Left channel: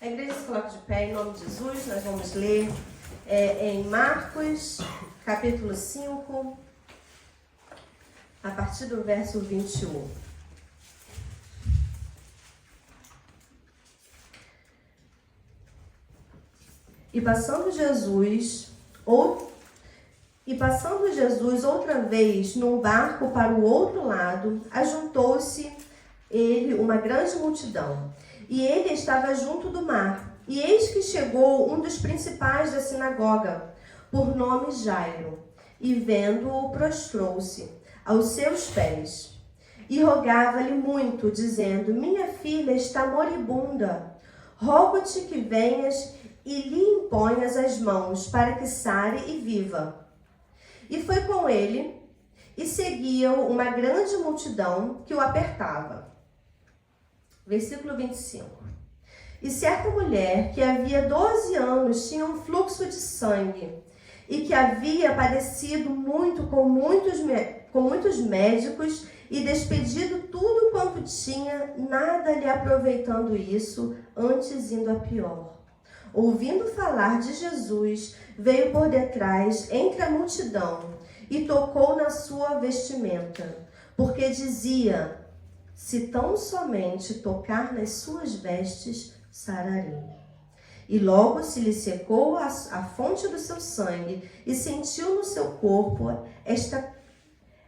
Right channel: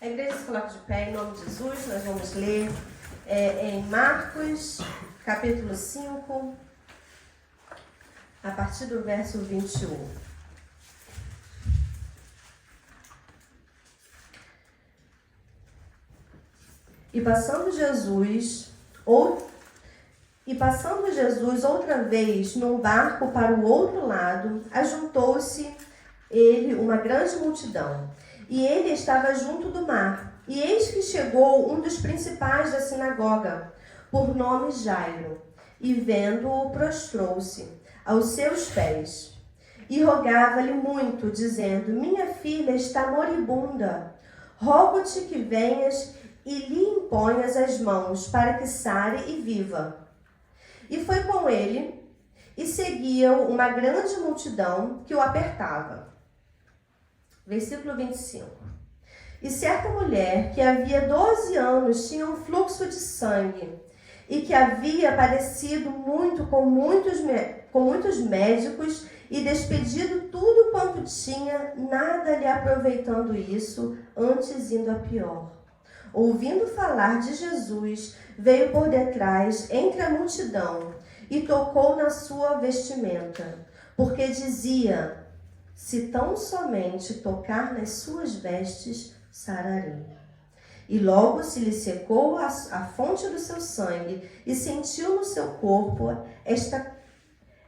A igreja se coloca de pé em nome de Jesus. Nós vamos ler em Marcos, capítulo 5, a partir do verso 21. E passando Jesus outra vez num barco para o outro lado, ajuntou-se ele uma grande multidão. E ele estava junto do mar. E eis que chegou um dos principais da sinagoga, por nome Jairo, e vendo-o, prostrou-se aos seus pés. E rogava-lhe muito, dizendo: Minha filha está moribunda. Rogo-te que venhas e lhe imponhas as mãos, para que sare e viva. E foi com ele, e seguia-o uma grande multidão que o apertava. Versículo 25. E certa mulher, que havia 12 anos, tinha um fluxo de sangue, e que havia padecido muito com muitos médicos, e despedido tudo quanto tinha, nada lhe aproveitando isso, antes indo a pior. Ouvindo falar de Jesus, veio por detrás, entre a multidão, e tocou na sua vestimenta, porque dizia: se tão somente tocar nas suas vestes, sararei. E logo se lhe secou a fonte do seu sangue, e sentiu no seu corpo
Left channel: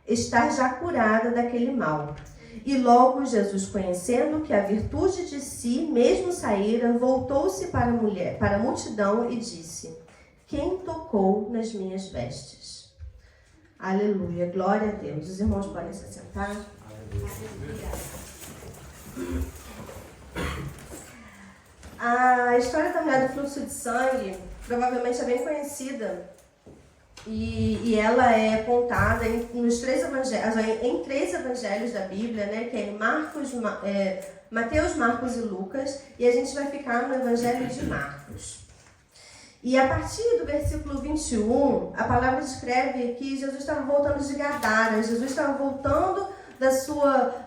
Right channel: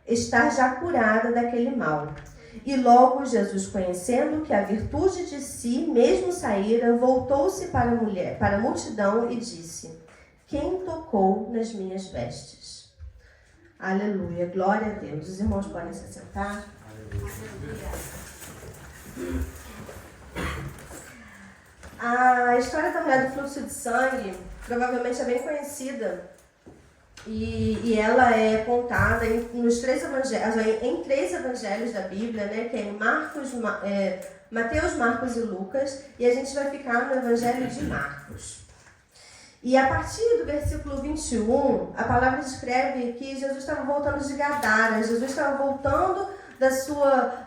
estar já curada daquele mal. E logo Jesus, conhecendo que a virtude de si mesmo saíra, voltou-se para a multidão e disse: quem tocou nas minhas vestes? Aleluia, glória a Deus. Os irmãos podem se sentar. A história da mulher do fluxo de sangue provavelmente é bem conhecida. E ela é contada em três evangelhos da Bíblia, né? Que é Mateus, Marcos e Lucas. E a gente vai ficar no evangelho de Marcos. E a partir do versículo 21, a palavra descreve que Jesus estava voltando de Gadara. Jesus estava voltando da sua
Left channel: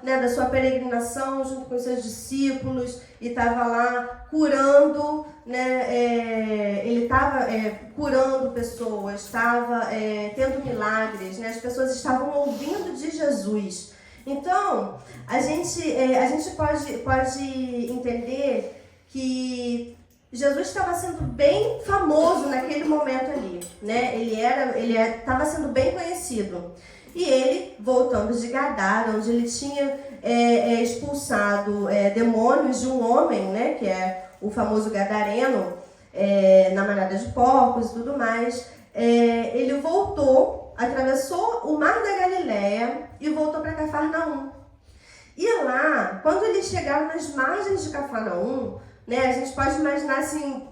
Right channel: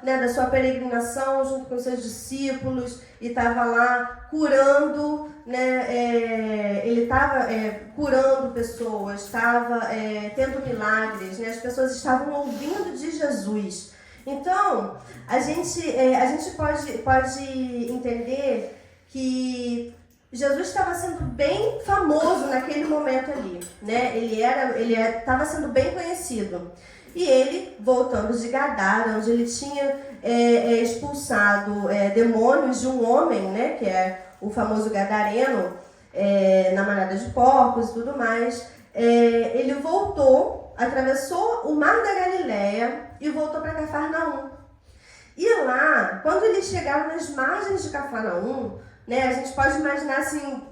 peregrinação junto com os seus discípulos e estava lá curando, né? Ele estava curando pessoas, estava tendo milagres, né? As pessoas estavam ouvindo de Jesus. Então, a gente pode entender que Jesus estava sendo bem famoso naquele momento ali, né? Ele estava sendo bem conhecido. E ele, voltando de Gadara, onde ele tinha expulsado demônios de um homem, né? Que é o famoso gadareno, na manada de porcos e tudo mais. Ele voltou, atravessou o mar da Galileia e voltou para Cafarnaum. E lá, quando eles chegaram nas margens de Cafarnaum, né, a gente pode imaginar assim,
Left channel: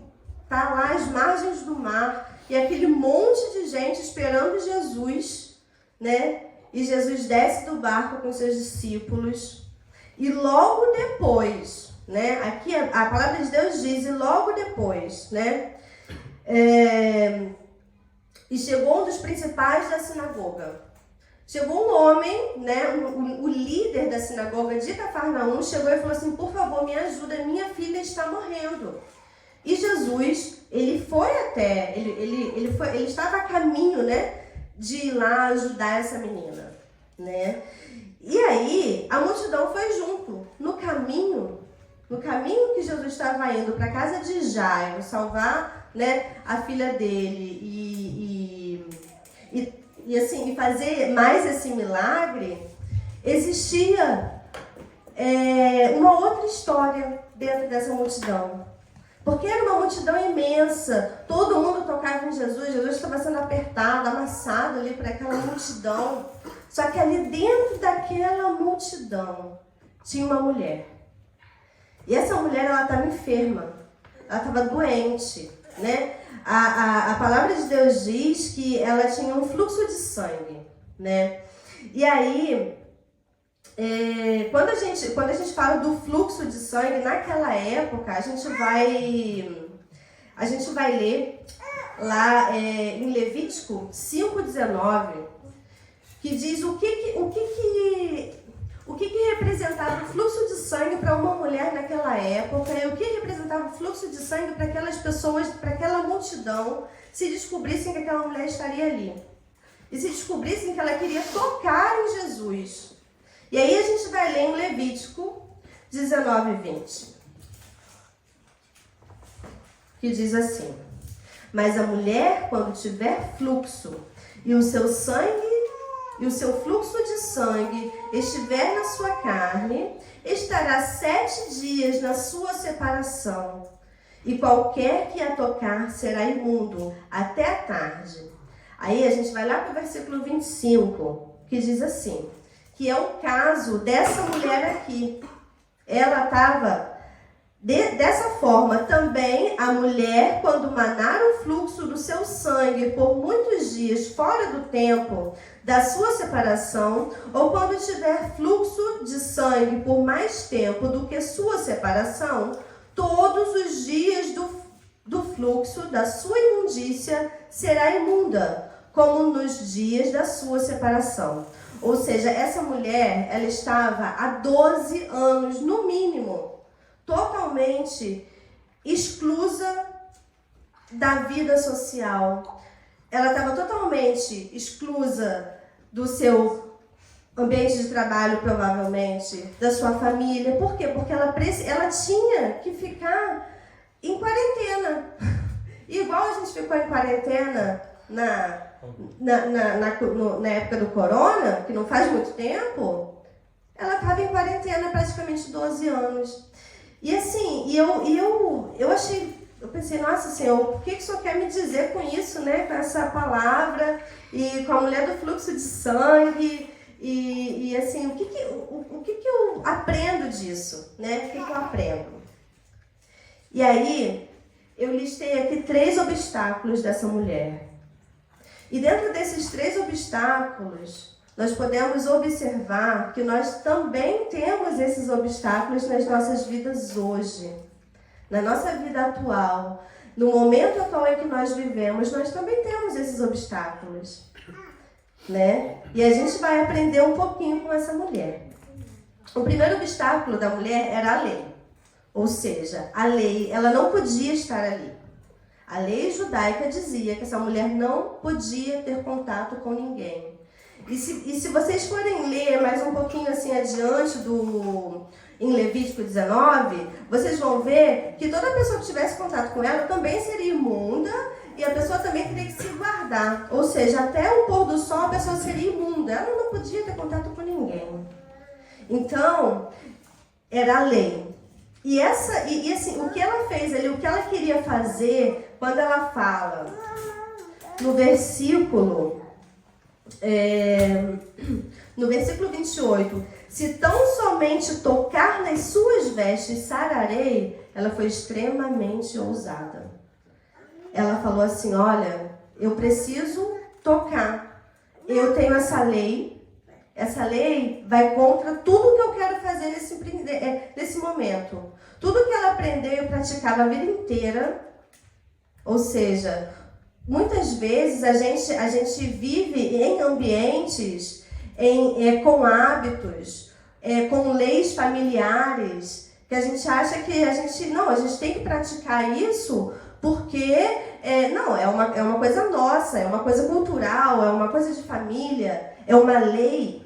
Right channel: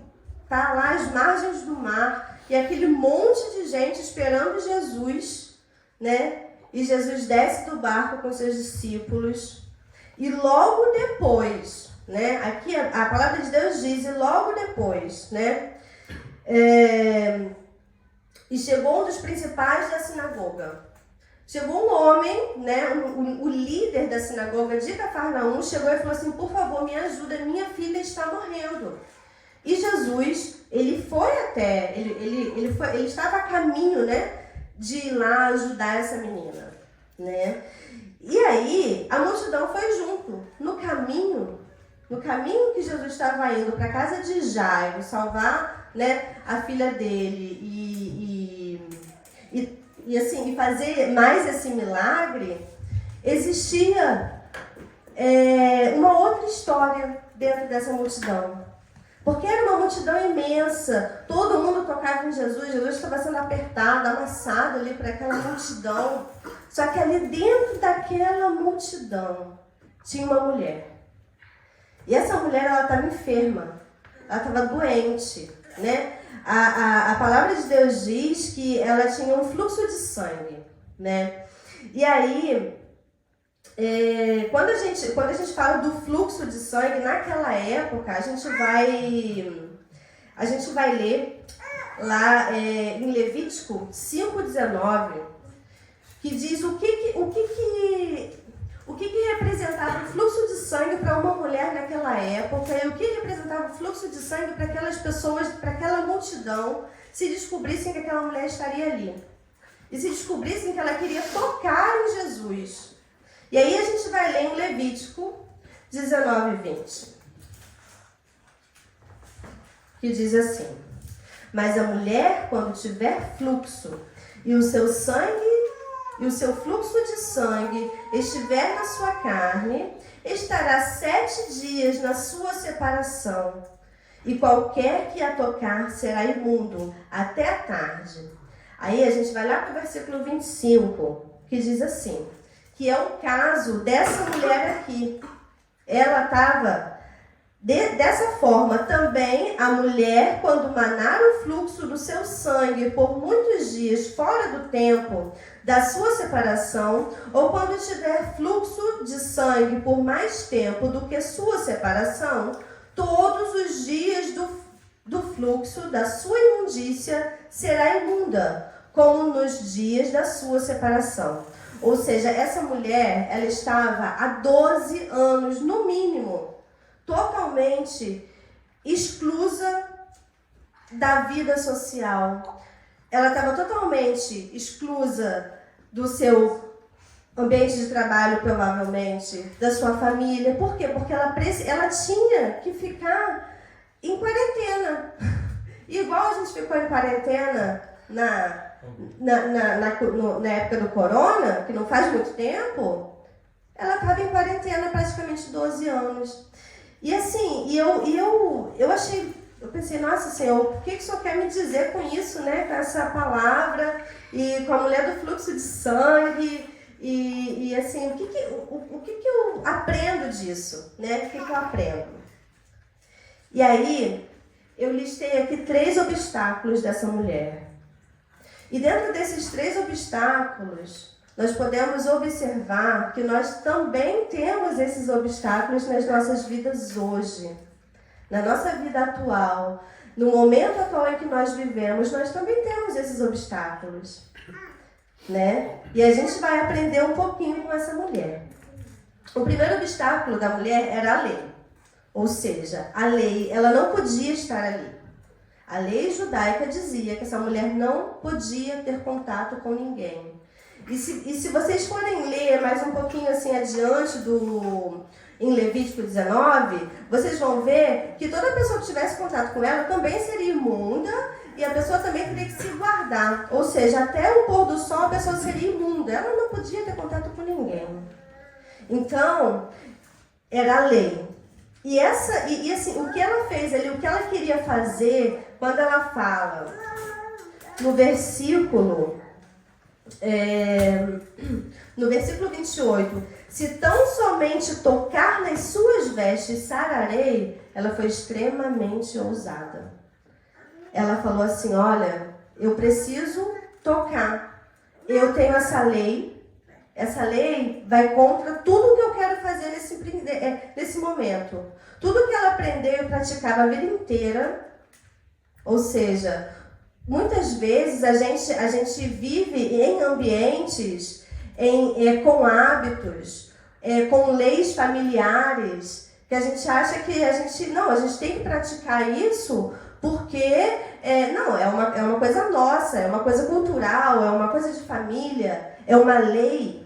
tá lá às margens do mar e aquele monte de gente esperando Jesus, né? E Jesus desce do barco com seus discípulos e logo depois, né? Aqui a palavra de Deus diz, e logo depois, né? E chegou um dos principais da sinagoga. Chegou um homem, né, o líder da sinagoga de Cafarnaum, chegou e falou assim: por favor, me ajuda, minha filha está morrendo. E Jesus, ele estava a caminho, né, de ir lá ajudar essa menina, né? E aí, a multidão foi junto. No caminho que Jesus estava indo para a casa de Jairo, salvar, né, a filha dele e fazer mais esse milagre, existia uma outra história dentro dessa multidão. Porque era uma multidão imensa, todo mundo tocava em Jesus, Jesus estava sendo apertado, amassado ali para aquela multidão. Só que ali dentro daquela multidão tinha uma mulher. E essa mulher, ela estava enferma, ela estava doente, né? A palavra de Deus diz que ela tinha um fluxo de sangue, né? E aí, quando a gente fala do fluxo de sangue, naquela época, a gente vai ler lá em Levítico 5:19, que diz o que representava o fluxo de sangue para uma mulher naquela época e o que representava o fluxo de sangue para aquelas pessoas, para aquela multidão, se descobrissem que aquela mulher estaria ali. E se descobrissem que ela queria tocar em Jesus. E aí a gente vai ler em Levítico 19 e 20. Que diz assim: mas a mulher, quando tiver fluxo, e o seu sangue, e o seu fluxo de sangue estiver na sua carne, estará 7 dias na sua separação, e qualquer que a tocar será imundo até a tarde. Aí a gente vai lá para o versículo 25, que diz assim, que é o caso dessa mulher aqui. Ela estava dessa forma. Também a mulher, quando manar o fluxo do seu sangue por muitos dias fora do tempo da sua separação, ou quando tiver fluxo de sangue por mais tempo do que sua separação, todos os dias do fluxo da sua imundícia será imunda, como nos dias da sua separação. Ou seja, essa mulher, ela estava há 12 anos, no mínimo, totalmente exclusa da vida social. Ela estava totalmente exclusa do seu ambiente de trabalho, provavelmente, da sua família. Por quê? Porque ela tinha que ficar em quarentena. Igual a gente ficou em quarentena na época do corona, que não faz muito tempo, ela estava em quarentena praticamente 12 anos. E assim, eu achei, eu pensei, nossa Senhor, o que o Senhor quer me dizer com isso, né? Com essa palavra e com a mulher do fluxo de sangue e assim, o que eu aprendo disso, né? O que eu aprendo? E aí, eu listei aqui 3 obstáculos dessa mulher. E dentro desses 3 obstáculos, nós podemos observar que nós também temos esses obstáculos nas nossas vidas hoje. Na nossa vida atual, no momento atual em que nós vivemos, nós também temos esses obstáculos, né? E a gente vai aprender um pouquinho com essa mulher. O primeiro obstáculo da mulher era a lei. Ou seja, a lei, ela não podia estar ali. A lei judaica dizia que essa mulher não podia ter contato com ninguém. E se vocês forem ler mais um pouquinho assim adiante em Levítico 19, vocês vão ver que toda pessoa que tivesse contato com ela também seria imunda e a pessoa também teria que se guardar. Ou seja, até o pôr do sol a pessoa seria imunda. Ela não podia ter contato com ninguém. Então, era a lei. E assim, o que ela fez ali, o que ela queria fazer, quando ela fala no versículo 28, se tão somente tocar nas suas vestes sararei, ela foi extremamente ousada. Ela falou assim, olha, eu preciso tocar, eu tenho essa lei vai contra tudo que eu quero fazer nesse momento. Tudo que ela aprendeu e praticava a vida inteira, ou seja, muitas vezes a gente vive em ambientes, com hábitos, com leis familiares, que a gente acha que a gente tem que praticar isso porque, não, é uma coisa nossa, é uma coisa cultural, é uma coisa de família, é uma lei,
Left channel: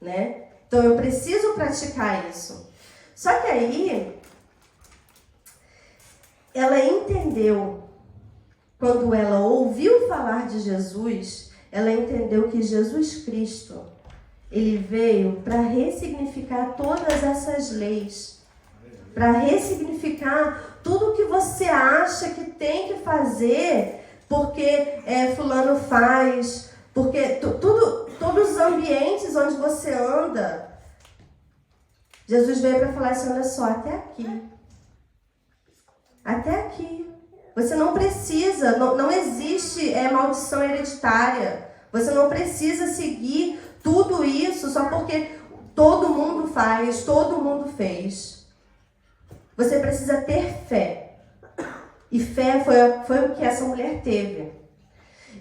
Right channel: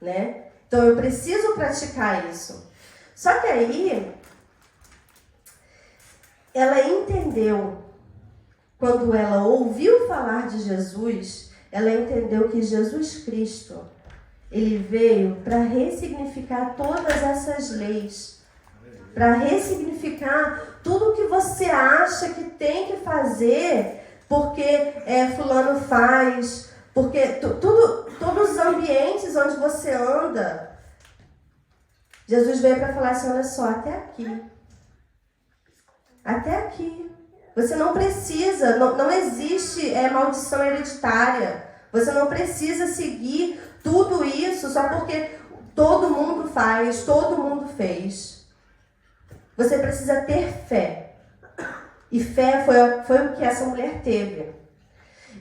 né? Então eu preciso praticar isso. Só que aí, ela entendeu, quando ela ouviu falar de Jesus, ela entendeu que Jesus Cristo, ele veio para ressignificar todas essas leis, para ressignificar tudo que você acha que tem que fazer, porque fulano faz, porque todos os ambientes onde você anda, Jesus veio para falar assim, olha só, até aqui. Até aqui. Você não precisa, não existe maldição hereditária. Você não precisa seguir tudo isso só porque todo mundo faz, todo mundo fez. Você precisa ter fé. E fé foi o que essa mulher teve.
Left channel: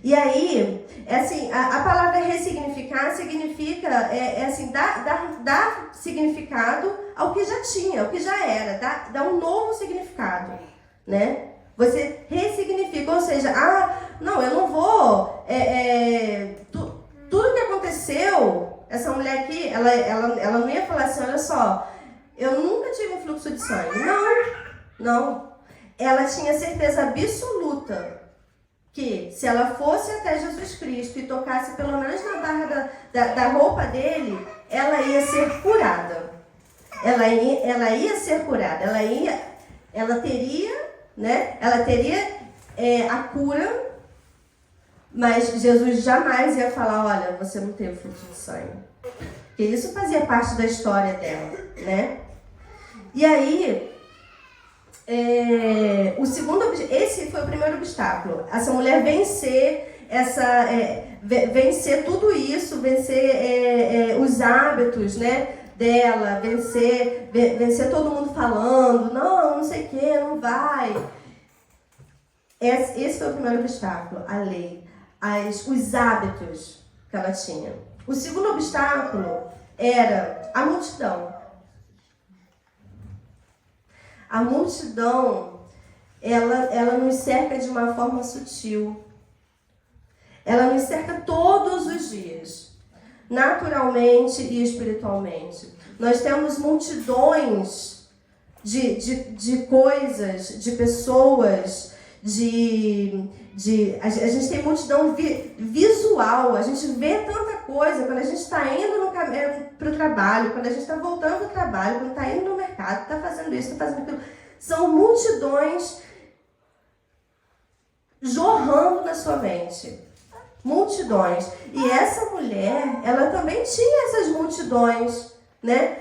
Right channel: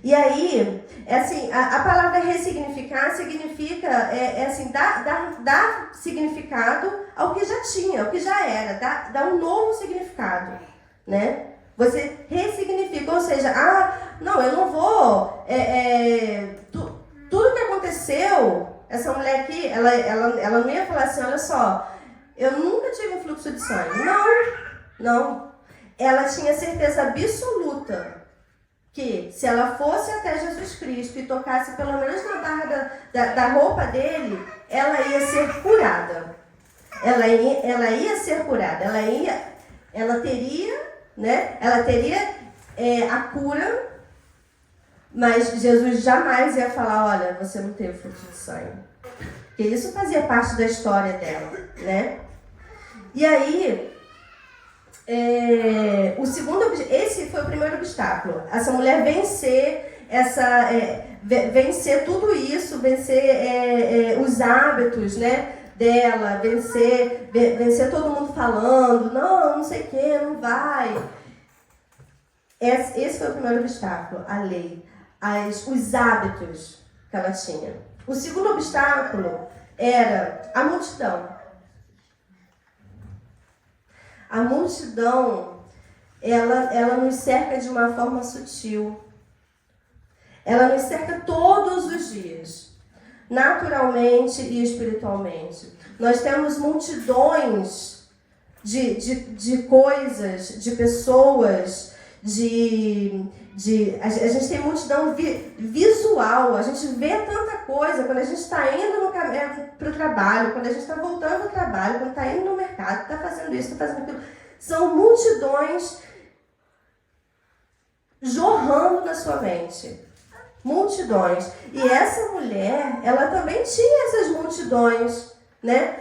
E aí, assim, a palavra ressignificar significa, assim, dar significado ao que já tinha, ao que já era, dá um novo significado, né? Você ressignifica, ou seja, não, eu não vou, tudo que aconteceu, essa mulher aqui, ela não ia falar assim, olha só, eu nunca tive um fluxo de sangue. Não. Ela tinha certeza absoluta que se ela fosse até Jesus Cristo e tocasse pelo menos na barra da roupa dele, ela ia ser curada. Ela ia ser curada. Ela teria, né? Ela teria a cura, mas Jesus jamais ia falar, olha, você não tem o fluxo de sangue. Porque isso fazia parte da história dela, né? E aí, esse foi o primeiro obstáculo. Essa mulher vencer tudo isso, vencer os hábitos, né, dela, vencer todo mundo falando, não sei o que, não vai. Esse foi o primeiro obstáculo, a lei, os hábitos que ela tinha. O segundo obstáculo era a multidão. A multidão, ela nos cerca de uma forma sutil. Ela nos cerca todos os dias, naturalmente e espiritualmente. Nós temos multidões de coisas, de pessoas, a gente tem multidão visual, a gente vê tanta coisa quando a gente está indo para o trabalho, quando a gente está voltando do trabalho, quando está indo no mercado, está fazendo isso, está fazendo aquilo. São multidões jorrando na sua mente. Multidões. E essa mulher, ela também tinha essas multidões, né?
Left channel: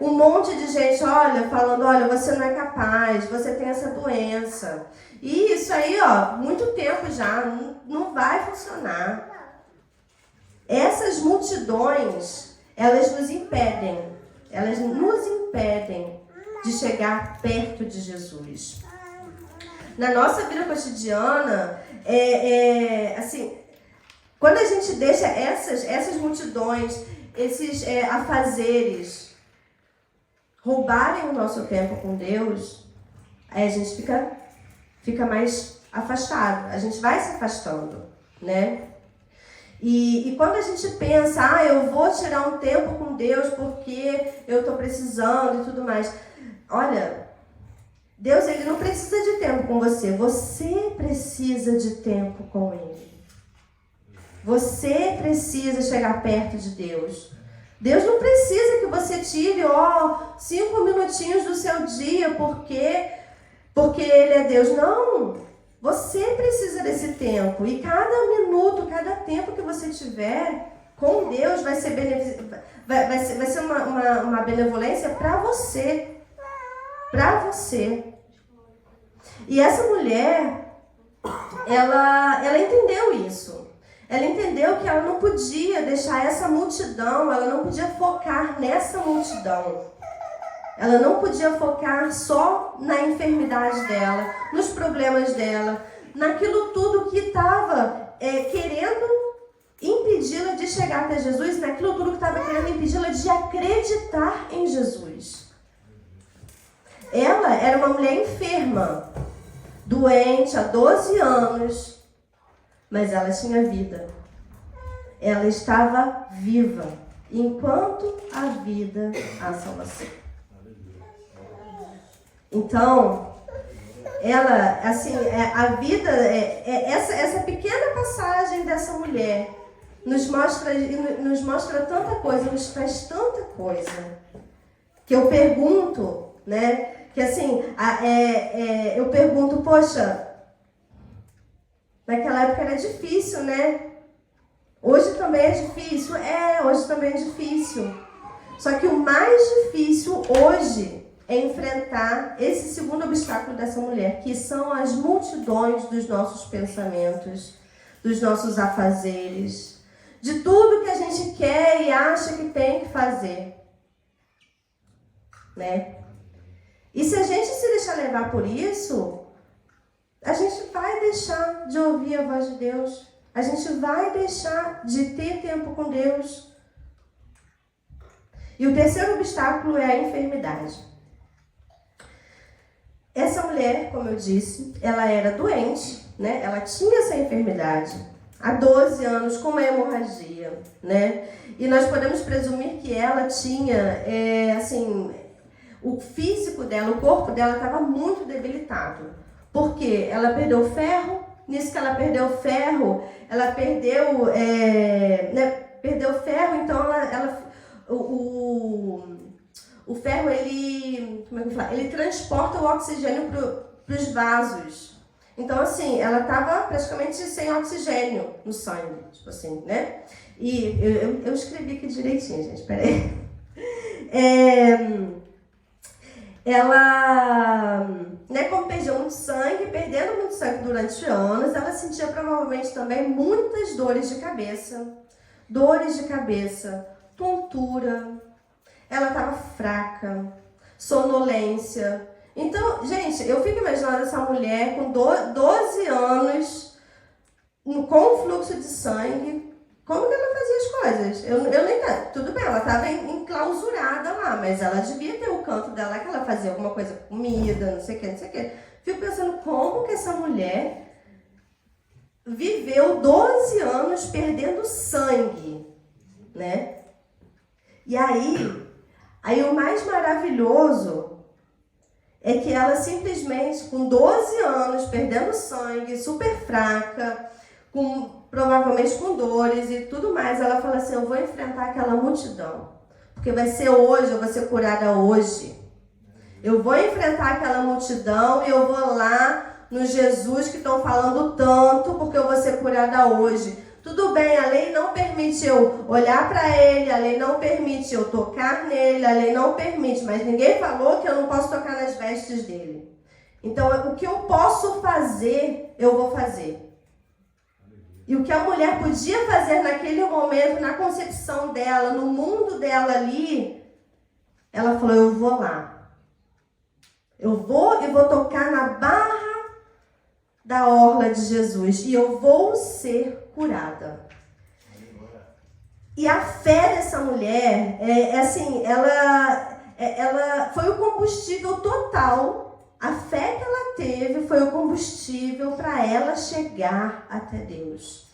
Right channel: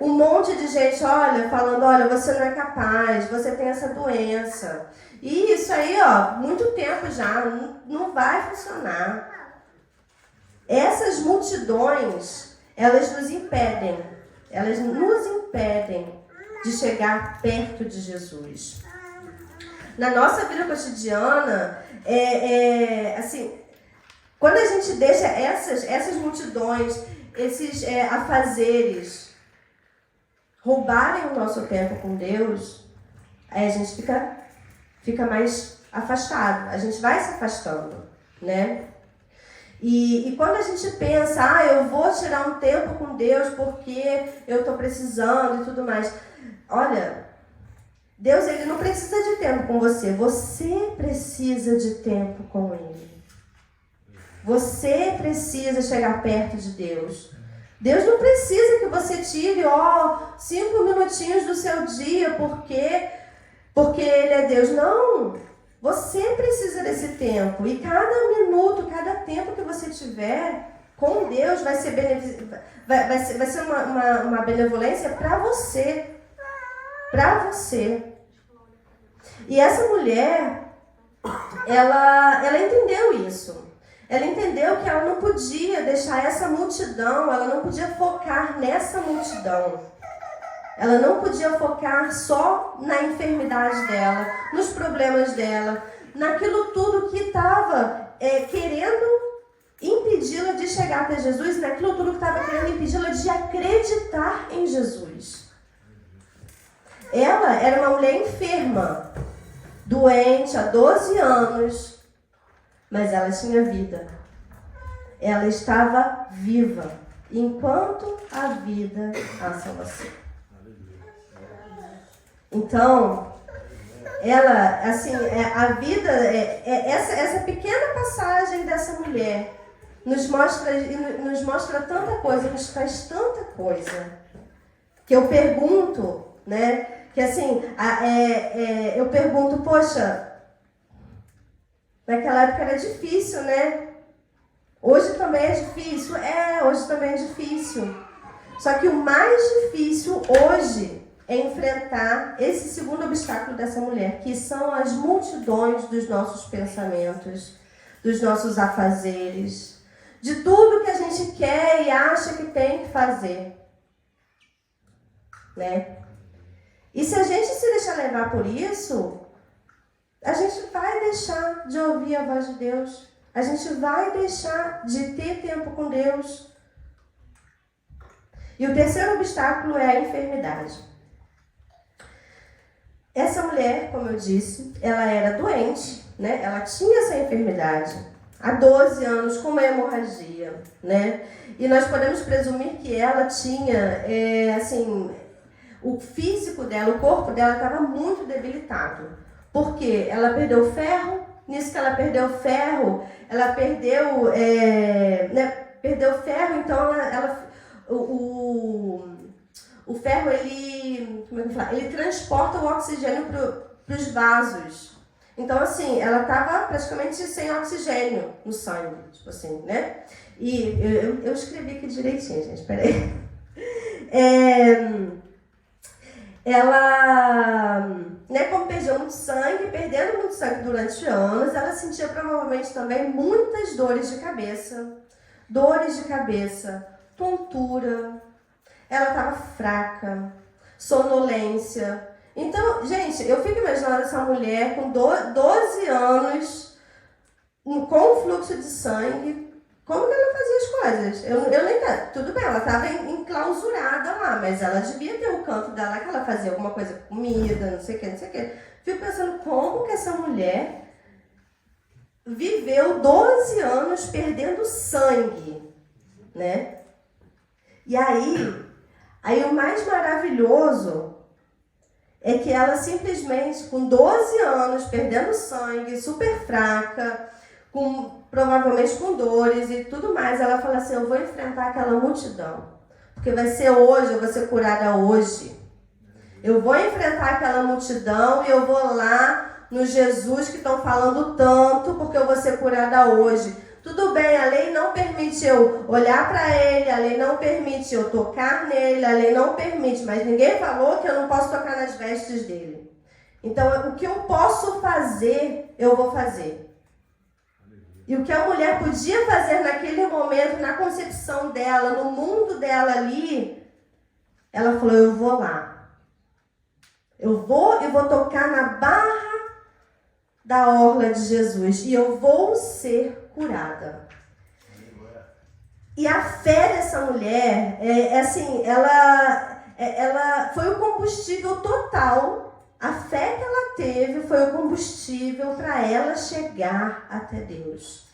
Um monte de gente, falando, olha, você não é capaz, você tem essa doença. E isso aí, muito tempo já, não vai funcionar. Essas multidões, elas nos impedem de chegar perto de Jesus. Na nossa vida cotidiana, assim, quando a gente deixa essas multidões, esses afazeres roubarem o nosso tempo com Deus, aí a gente fica mais afastado, a gente vai se afastando, né? E quando a gente pensa, eu vou tirar um tempo com Deus porque eu estou precisando e tudo mais. Olha, Deus, ele não precisa de tempo com você. Você precisa de tempo com ele. Você precisa chegar perto de Deus. Deus não precisa que você tire 5 minutinhos do seu dia porque ele é Deus. Não. Você precisa desse tempo. E cada minuto, cada tempo que você tiver com Deus vai ser uma benevolência para você. Para você. E essa mulher, ela entendeu isso. Ela entendeu que ela não podia deixar essa multidão, ela não podia focar nessa multidão. Ela não podia focar só na enfermidade dela, nos problemas dela, naquilo tudo que estava querendo impedi-la de chegar até Jesus, naquilo tudo que estava querendo impedi-la de acreditar em Jesus. Ela era uma mulher enferma, doente há 12 anos, mas ela tinha vida. Ela estava viva. Enquanto há vida, há salvação. Então, ela, assim, a vida, essa pequena passagem dessa mulher nos mostra tanta coisa, nos traz tanta coisa, que eu pergunto, né? Que assim, eu pergunto, poxa, naquela época era difícil, né? Hoje também é difícil? Hoje também é difícil. Só que o mais difícil hoje é enfrentar esse segundo obstáculo dessa mulher, que são as multidões dos nossos pensamentos, dos nossos afazeres, de tudo que a gente quer e acha que tem que fazer, né? E se a gente se deixar levar por isso, a gente vai deixar de ouvir a voz de Deus. A gente vai deixar de ter tempo com Deus. E o terceiro obstáculo é a enfermidade. Essa mulher, como eu disse, ela era doente, né? Ela tinha essa enfermidade há 12 anos com uma hemorragia, né? E nós podemos presumir que ela tinha, o físico dela, o corpo dela estava muito debilitado. Porque ela perdeu ferro, nisso que ela perdeu ferro, ela perdeu, perdeu ferro, então o ferro, ele transporta o oxigênio para os vasos. Então, assim, ela estava praticamente sem oxigênio no sangue, tipo assim, né? E eu escrevi aqui direitinho, gente, peraí. Ela, como perdeu muito sangue, perdendo muito sangue durante anos, ela sentia provavelmente também muitas dores de cabeça, tontura, ela estava fraca, sonolência. Então, gente, eu fico imaginando essa mulher com 12 anos, com fluxo de sangue, como que ela fazia as coisas? Eu nem... Tudo bem, ela estava enclausurada lá, mas ela devia ter o canto dela que ela fazia alguma coisa com comida, não sei o que. Fico pensando como que essa mulher viveu 12 anos perdendo sangue, né? E aí o mais maravilhoso é que ela simplesmente, com 12 anos, perdendo sangue, super fraca, provavelmente com dores e tudo mais, ela fala assim, eu vou enfrentar aquela multidão, porque vai ser hoje, eu vou ser curada hoje. Eu vou enfrentar aquela multidão e eu vou lá no Jesus que estão falando tanto, porque eu vou ser curada hoje. Tudo bem, a lei não permite eu olhar para ele, a lei não permite eu tocar nele, a lei não permite, mas ninguém falou que eu não posso tocar nas vestes dele. Então, o que eu posso fazer, eu vou fazer. E o que a mulher podia fazer naquele momento, na concepção dela, no mundo dela ali, ela falou, eu vou lá. Eu vou tocar na barra da orla de Jesus e eu vou ser curada. E a fé dessa mulher, ela foi o combustível total. A fé que ela teve foi o combustível para ela chegar até Deus.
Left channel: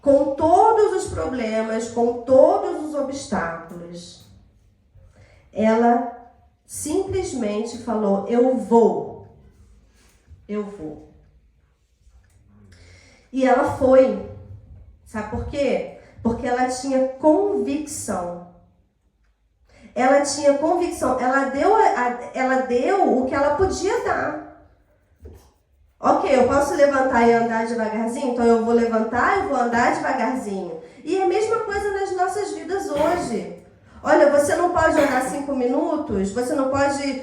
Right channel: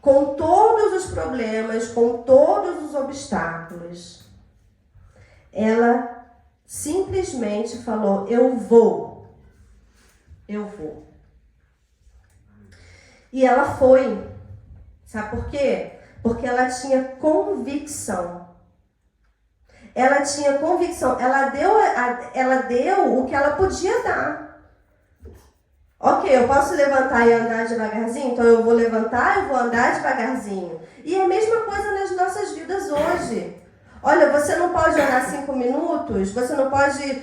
Com todos os problemas, com todos os obstáculos, ela simplesmente falou, eu vou. E ela foi. Sabe por quê? Porque ela tinha convicção. Ela tinha convicção. Ela deu o que ela podia dar. Ok, eu posso levantar e andar devagarzinho? Então eu vou levantar e vou andar devagarzinho. E é a mesma coisa nas nossas vidas hoje. Olha, você não pode orar 5 minutos, você não pode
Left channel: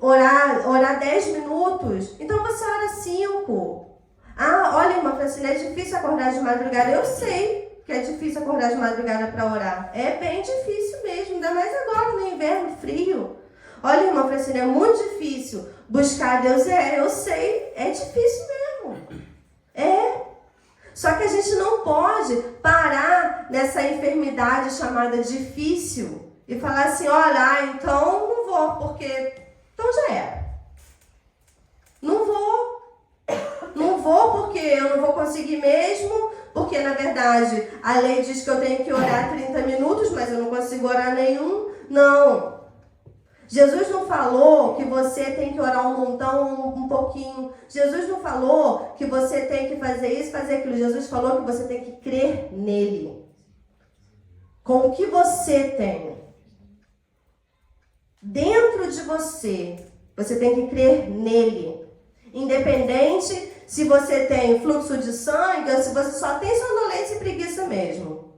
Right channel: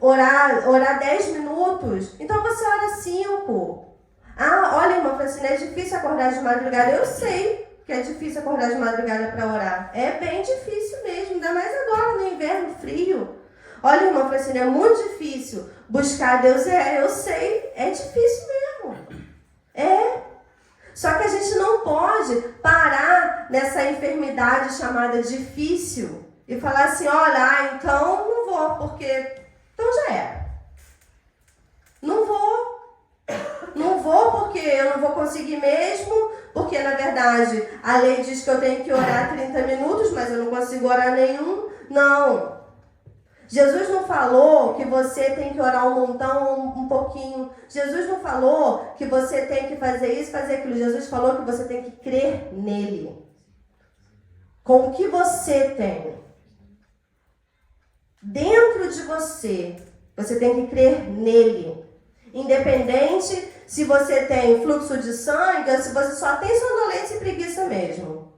orar 10 minutos. Então você ora 5. Ah, olha, irmã Francine, é difícil acordar de madrugada. Eu sei que é difícil acordar de madrugada para orar. É bem difícil mesmo, ainda mais agora no inverno frio. Olha, irmã Francine, é muito difícil buscar Deus. Eu sei, é difícil mesmo. Só que a gente não pode parar nessa enfermidade chamada difícil e falar assim, olha, então não vou, porque então já era. Não vou porque eu não vou conseguir mesmo, porque na verdade a lei diz que eu tenho que orar 30 minutos, mas eu não consigo orar nenhum. Não. Jesus não falou que você tem que orar um montão, um pouquinho. Jesus não falou que você tem que fazer isso, fazer aquilo. Jesus falou que você tem que crer nele. Com o que você tem dentro de você, você tem que crer nele. Independente se você tem fluxo de sangue ou se você só tem sonolência e preguiça mesmo.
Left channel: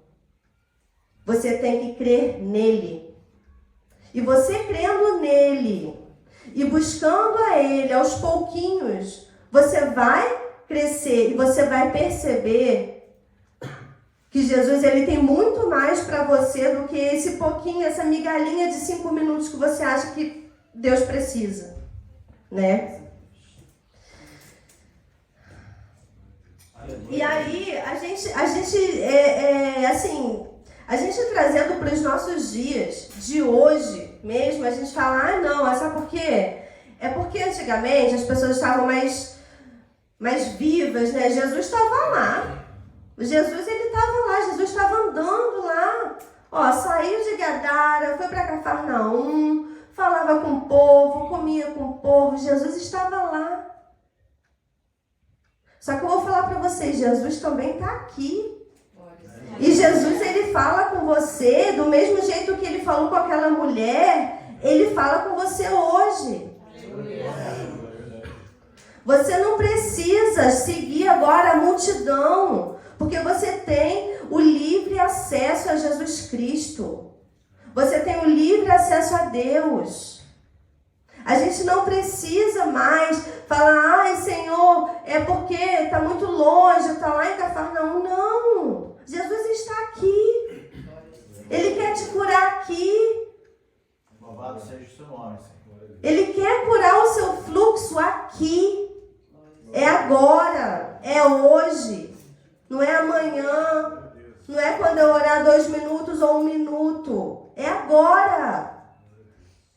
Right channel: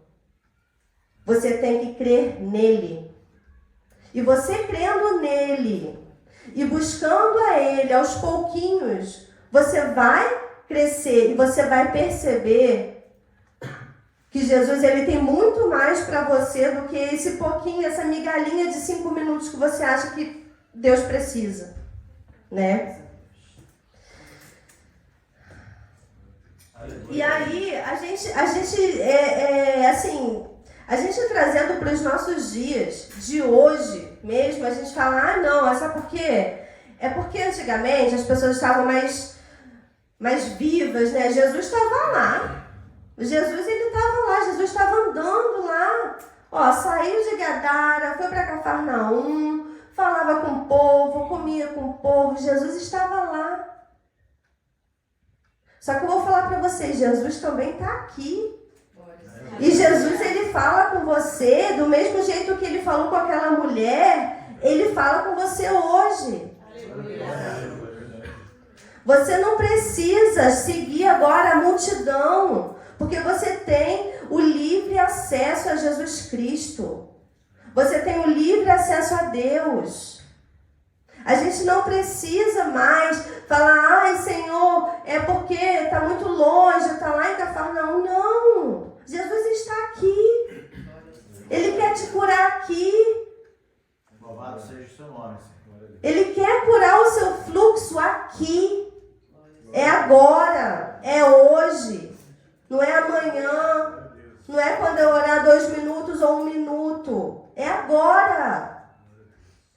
Você tem que crer nele. E você crendo nele e buscando a ele aos pouquinhos, você vai crescer e você vai perceber que Jesus ele tem muito mais para você do que esse pouquinho, essa migalhinha de 5 minutos que você acha que Deus precisa, né? E aí, a gente trazendo para os nossos dias, de hoje mesmo, a gente fala, não, sabe por quê? É porque antigamente as pessoas estavam mais vivas, né? Jesus estava lá. Jesus estava lá, Jesus estava andando lá. Saiu de Gadara, foi para Cafarnaum, falava com o povo, comia com o povo. Jesus estava lá. Só que eu vou falar para vocês, Jesus também está aqui. E Jesus, ele fala com você do mesmo jeito que ele falou com aquela mulher, ele fala com você hoje. Você não precisa seguir agora a multidão, porque você tem o livre acesso a Jesus Cristo. Você tem o livre acesso a Deus. A gente não precisa mais falar, Senhor, é porque está muito longe, está lá em Cafarnaum. Não, Jesus está aqui. Ele quer te curar aqui. Louvado seja o seu nome, Senhor. Ele quer curar o seu fluxo aqui. É agora, é hoje. Não é amanhã. Não é quando eu orar 2 minutos ou 1 minuto. É agora.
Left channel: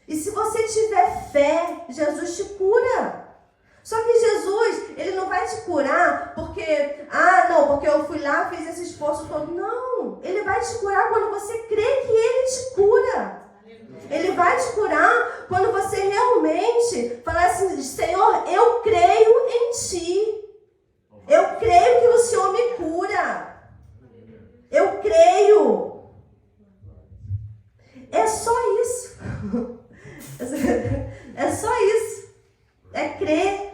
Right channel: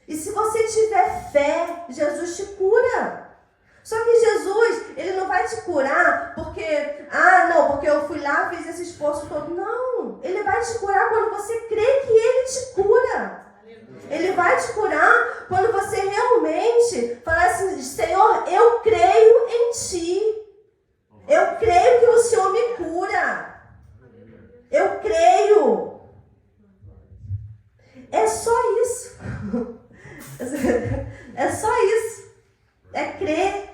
E se você tiver fé, Jesus te cura. Só que Jesus, ele não vai te curar porque, porque eu fui lá, fiz esse esforço todo. Não, ele vai te curar quando você crê que ele te cura. Ele vai te curar quando você realmente falar assim, Senhor, eu creio em ti. Eu creio que o Senhor me cura. Eu creio. É só isso. É só isso. É crer.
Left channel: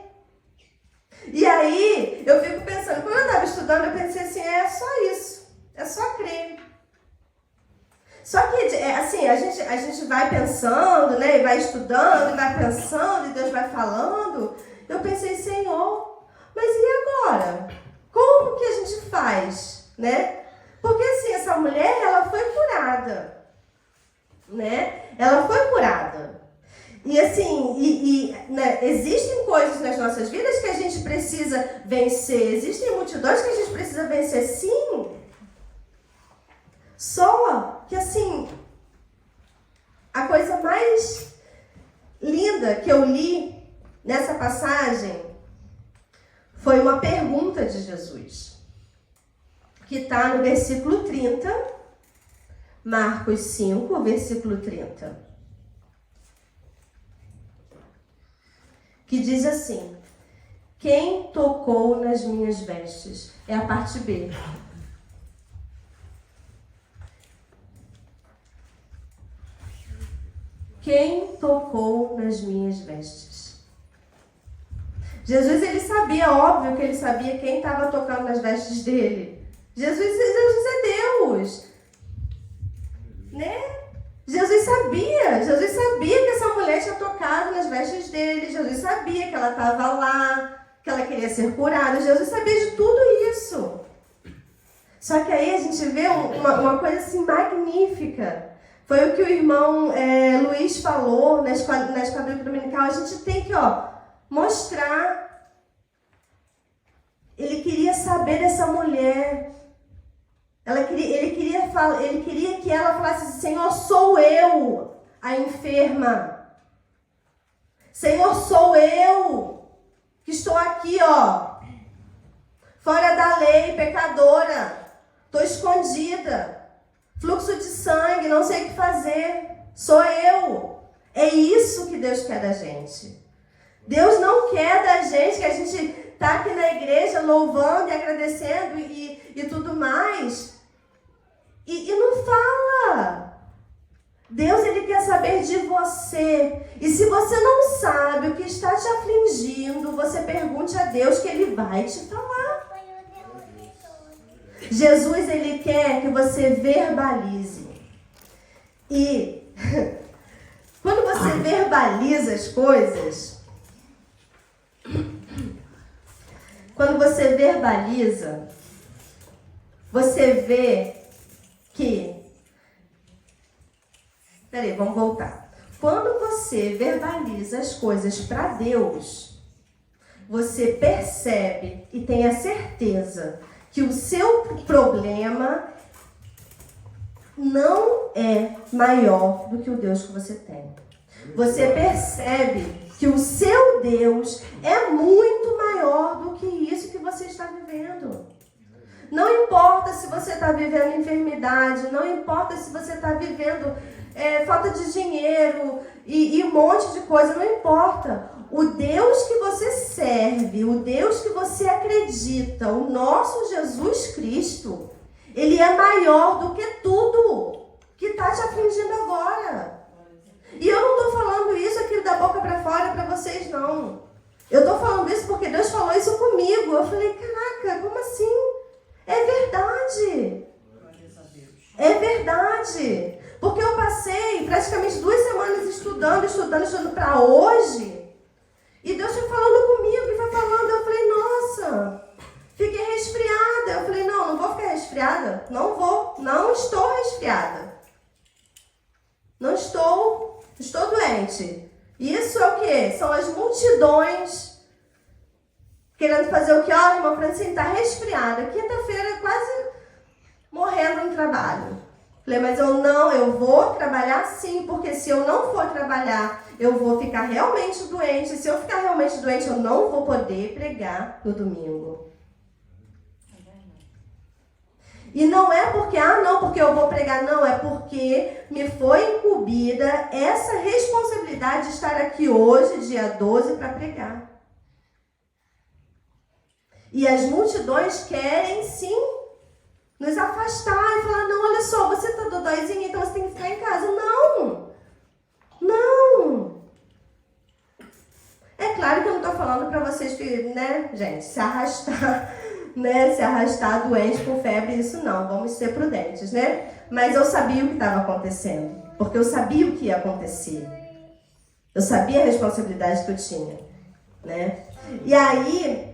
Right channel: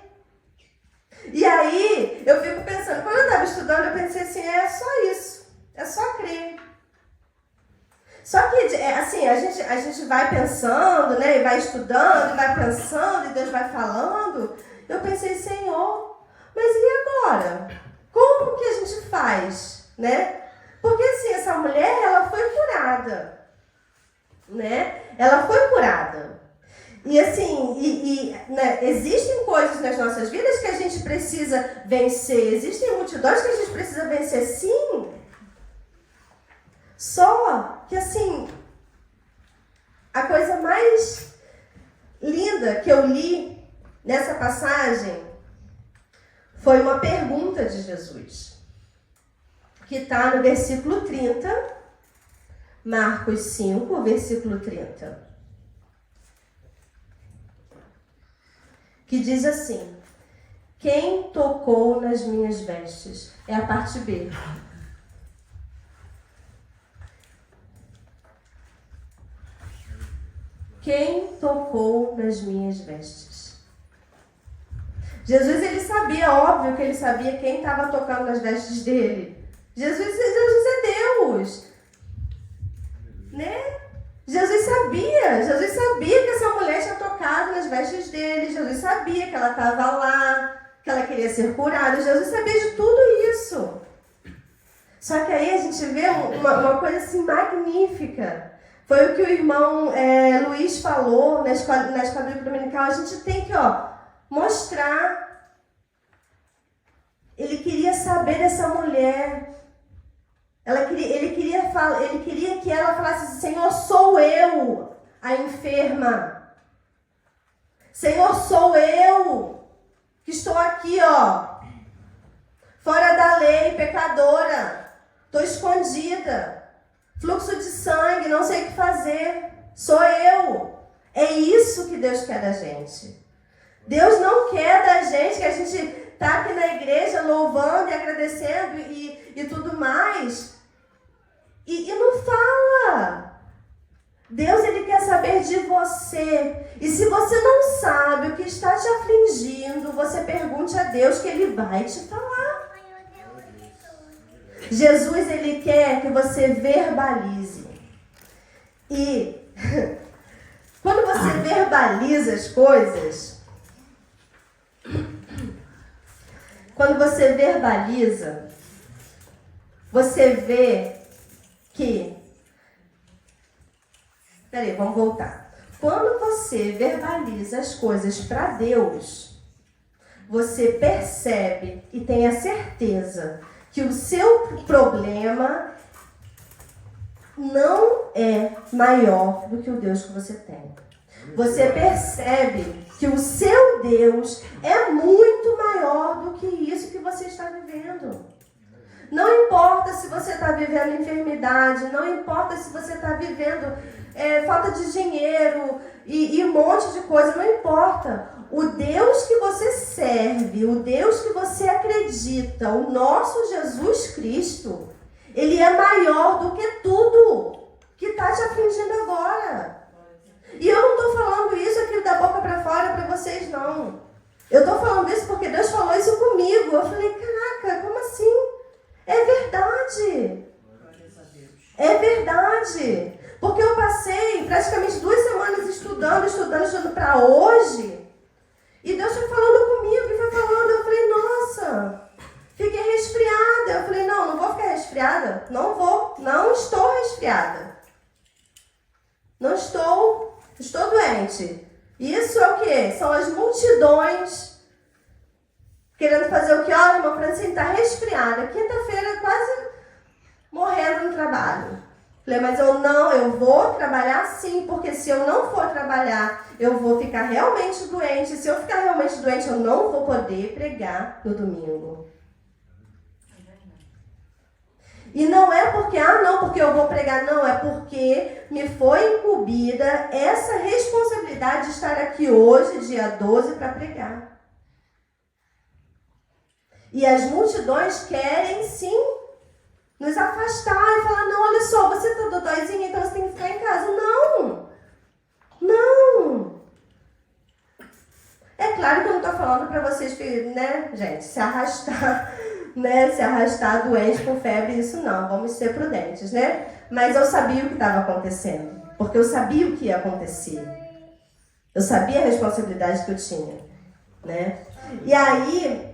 E aí, eu fico pensando, quando eu estava estudando, eu pensei assim, é só isso. É só crer. Só que, assim, a gente vai pensando, né? E vai estudando, e vai pensando, e Deus vai falando. Eu pensei, Senhor, mas e agora? Como que a gente faz, né? Porque, assim, essa mulher, ela foi curada, né? Ela foi curada. E assim, né, existem coisas nas nossas vidas que a gente precisa vencer. Existem multidões que a gente precisa vencer, sim. Só que assim, a coisa mais linda que eu li nessa passagem foi uma pergunta de Jesus. Que está no versículo 30, Marcos 5, versículo 30. Que diz assim, quem tocou nas minhas vestes? É a parte B. Quem tocou nas minhas vestes? Jesus, ele sabia, óbvio que ele sabia quem estava tocando nas vestes dele. Jesus é Deus. Né? Jesus sabia que essa mulher tinha tocado nas vestes dele. Jesus sabia que ela estava lá, que ela queria ser curada. Jesus sabia de tudo isso. Só que aí a gente vê uma coisa assim magnífica. Foi o que o irmão Luiz falou na escola dominical. A gente tem que mostrar. Ele queria saber dessa mulher. Ele queria que ela falasse assim, Senhor, sou eu a enferma. Senhor, sou eu que estou aqui, fora da lei, pecadora. Estou escondida. Fluxo de sangue, não sei o que fazer. Sou eu. É isso que Deus quer da gente. Deus não quer da gente que a gente está aqui na igreja louvando e agradecendo e tudo mais. E não fala. Deus, ele quer saber de você. E se você não sabe o que está te afligindo, você pergunte a Deus que ele vai te falar. Jesus, ele quer que você verbalize. E quando você verbaliza as coisas, quando você verbaliza, você vê que... Peraí, vamos voltar. Quando você verbaliza as coisas para Deus, você percebe e tem a certeza que o seu problema não é maior do que o Deus que você tem. Você percebe que o seu Deus é muito maior do que isso que você está vivendo. Não importa se você está vivendo enfermidade, não importa se você está vivendo falta de dinheiro e um monte de coisa, não importa. O Deus que você serve, o Deus que você acredita, o nosso Jesus Cristo, Ele é maior do que tudo que está te afligindo agora. E eu não estou falando isso aqui da boca para fora para vocês, não. Eu estou falando isso porque Deus falou isso comigo. Eu falei, caraca, como assim? É verdade. É verdade. Porque eu passei praticamente 2 semanas estudando para hoje. E Deus foi falando comigo, e foi falando. Eu falei, nossa, fiquei resfriada. Eu falei, não vou ficar resfriada. Não estou resfriada. Não estou doente. Isso é o quê? São as multidões querendo fazer o quê? Olha, irmã Francine está resfriada. Quinta-feira, quase morrendo no trabalho. Falei, mas eu vou trabalhar sim, porque se eu não for trabalhar, eu vou ficar realmente doente. Se eu ficar realmente doente, eu não vou poder pregar no domingo. E não é porque, porque eu vou pregar, não, é porque me foi incumbida essa responsabilidade de estar aqui hoje, dia 12, para pregar. E as multidões querem, sim, nos afastar e falar, não, olha só, você está dodóizinha, então você tem que ficar em casa. Não. É claro que eu não estou falando para vocês que, né, gente, se arrastar doente com febre, isso não, vamos ser prudentes, né? Mas eu sabia o que estava acontecendo, porque eu sabia o que ia acontecer. Eu sabia a responsabilidade que eu tinha, né? E aí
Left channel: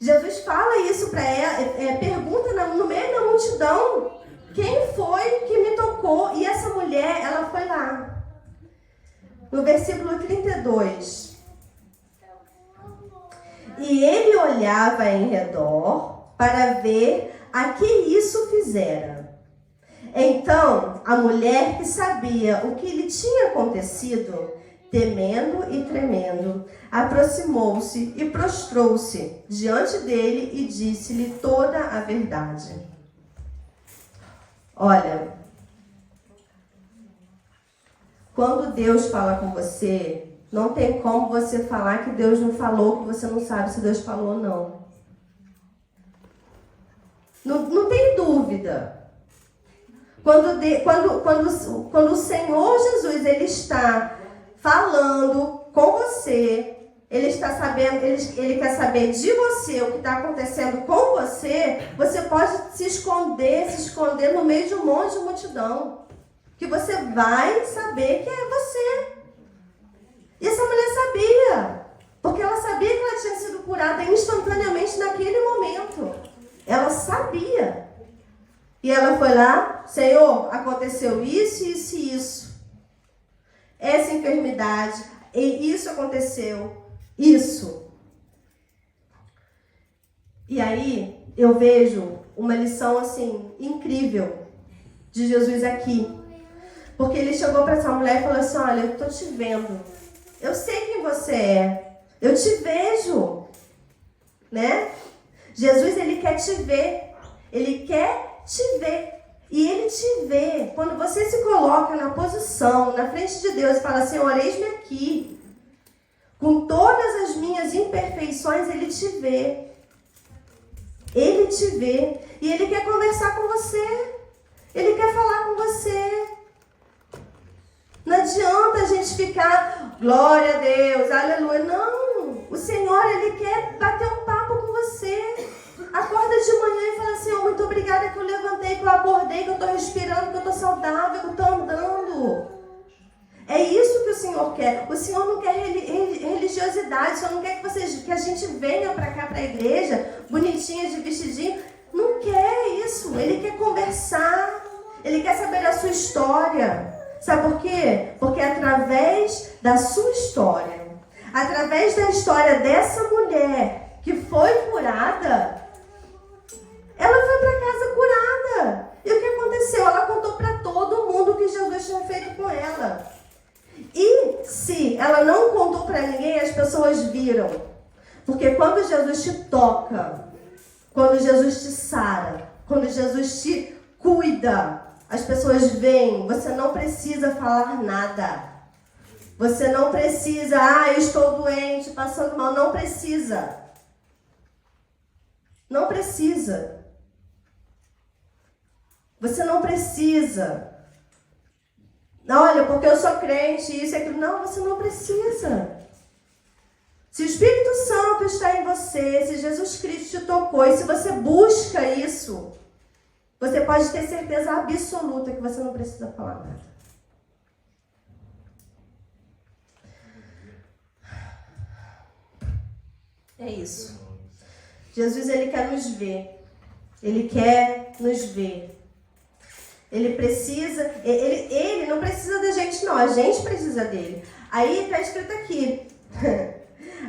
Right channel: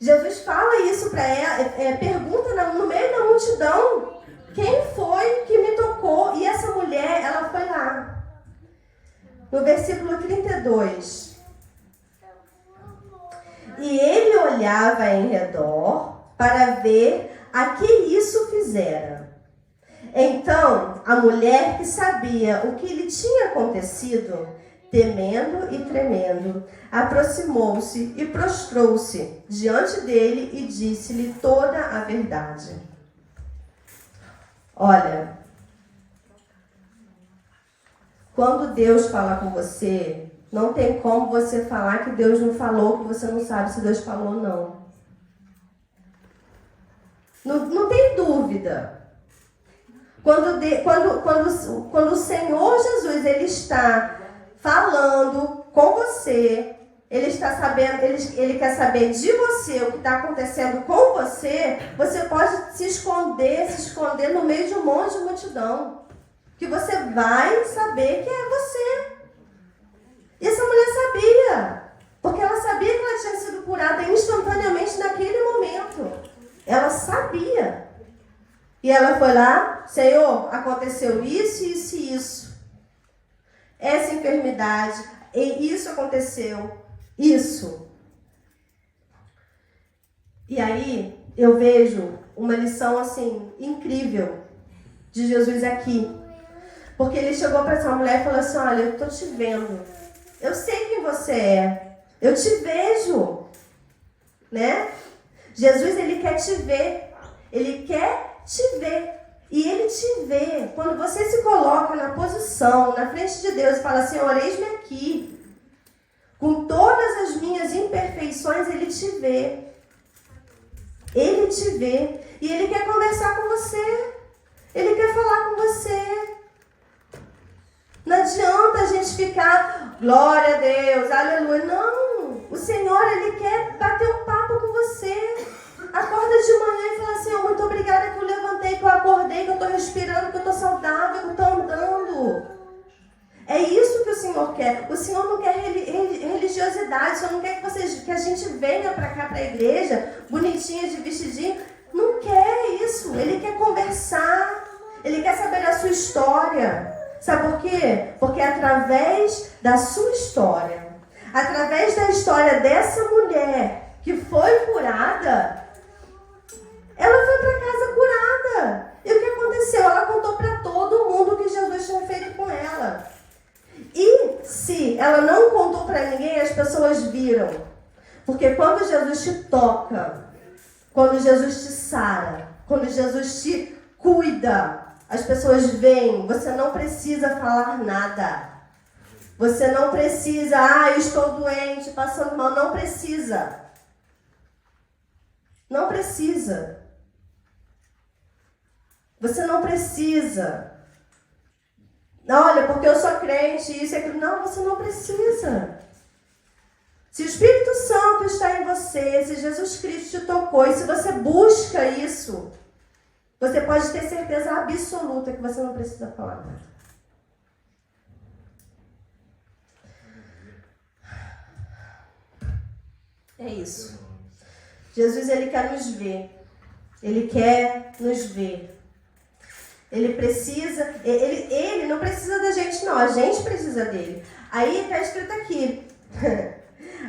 Jesus fala isso para ela, pergunta no meio da multidão, quem foi que me tocou? E essa mulher, ela foi lá. No versículo 32. E ele olhava em redor para ver a que isso fizera. Então, a mulher que sabia o que lhe tinha acontecido, temendo e tremendo, aproximou-se e prostrou-se diante dele e disse-lhe toda a verdade. Olha, quando Deus fala com você, não tem como você falar que Deus não falou, que você não sabe se Deus falou ou não. Não tem dúvida. Quando o Senhor Jesus ele está falando com você, ele está sabendo, ele quer saber de você o que está acontecendo com você, você pode se esconder no meio de um monte de multidão, que você vai saber que é você. E essa mulher sabia, porque ela sabia que ela tinha sido curada instantaneamente naquele momento. Ela sabia. E ela foi lá, Senhor, aconteceu isso, isso e isso. Essa enfermidade, e isso aconteceu, isso. E aí eu vejo uma lição assim, incrível de Jesus aqui. Porque ele chegou para essa mulher e falou assim, olha, eu estou te vendo. Eu sei quem você é. Eu te vejo. Né? Jesus, ele quer te ver. Ele quer te ver. E ele te vê. Quando você se coloca na posição, na frente de Deus e fala, Senhor, eis-me aqui. Com todas as minhas imperfeições, ele te vê. Ele te vê. E ele quer conversar com você. Ele quer falar com você. Não adianta a gente ficar, glória a Deus, aleluia. Não, o Senhor, ele quer bater um papo com você. Acorda de manhã e fala, Senhor, muito obrigada que eu levantei, que eu acordei, que eu estou respirando, que eu estou saudável, que eu estou andando. É isso que o Senhor quer. O Senhor não quer religiosidade, o Senhor não quer que a gente venha para cá, para a igreja, bonitinha, de vestidinho. Não quer isso. Ele quer conversar, ele quer saber da sua história. Sabe por quê? Porque através da sua história, através da história dessa mulher que foi curada, ela foi para casa curada. E o que aconteceu? Ela contou para todo mundo o que Jesus tinha feito com ela. E se ela não contou para ninguém, as pessoas viram. Porque quando Jesus te toca, quando Jesus te sara, quando Jesus te cuida, as pessoas veem. Você não precisa falar nada. Você não precisa, eu estou doente, passando mal. Não precisa. Não precisa. Você não precisa. Olha, porque eu sou crente, isso e aquilo. Não, você não precisa. Se o Espírito Santo está em você, se Jesus Cristo te tocou, e se você busca isso, você pode ter certeza absoluta que você não precisa falar nada. É isso. Jesus, ele quer nos ver. Ele quer nos ver. Ele precisa, ele não precisa da gente, não. A gente precisa dele. Aí está escrito aqui,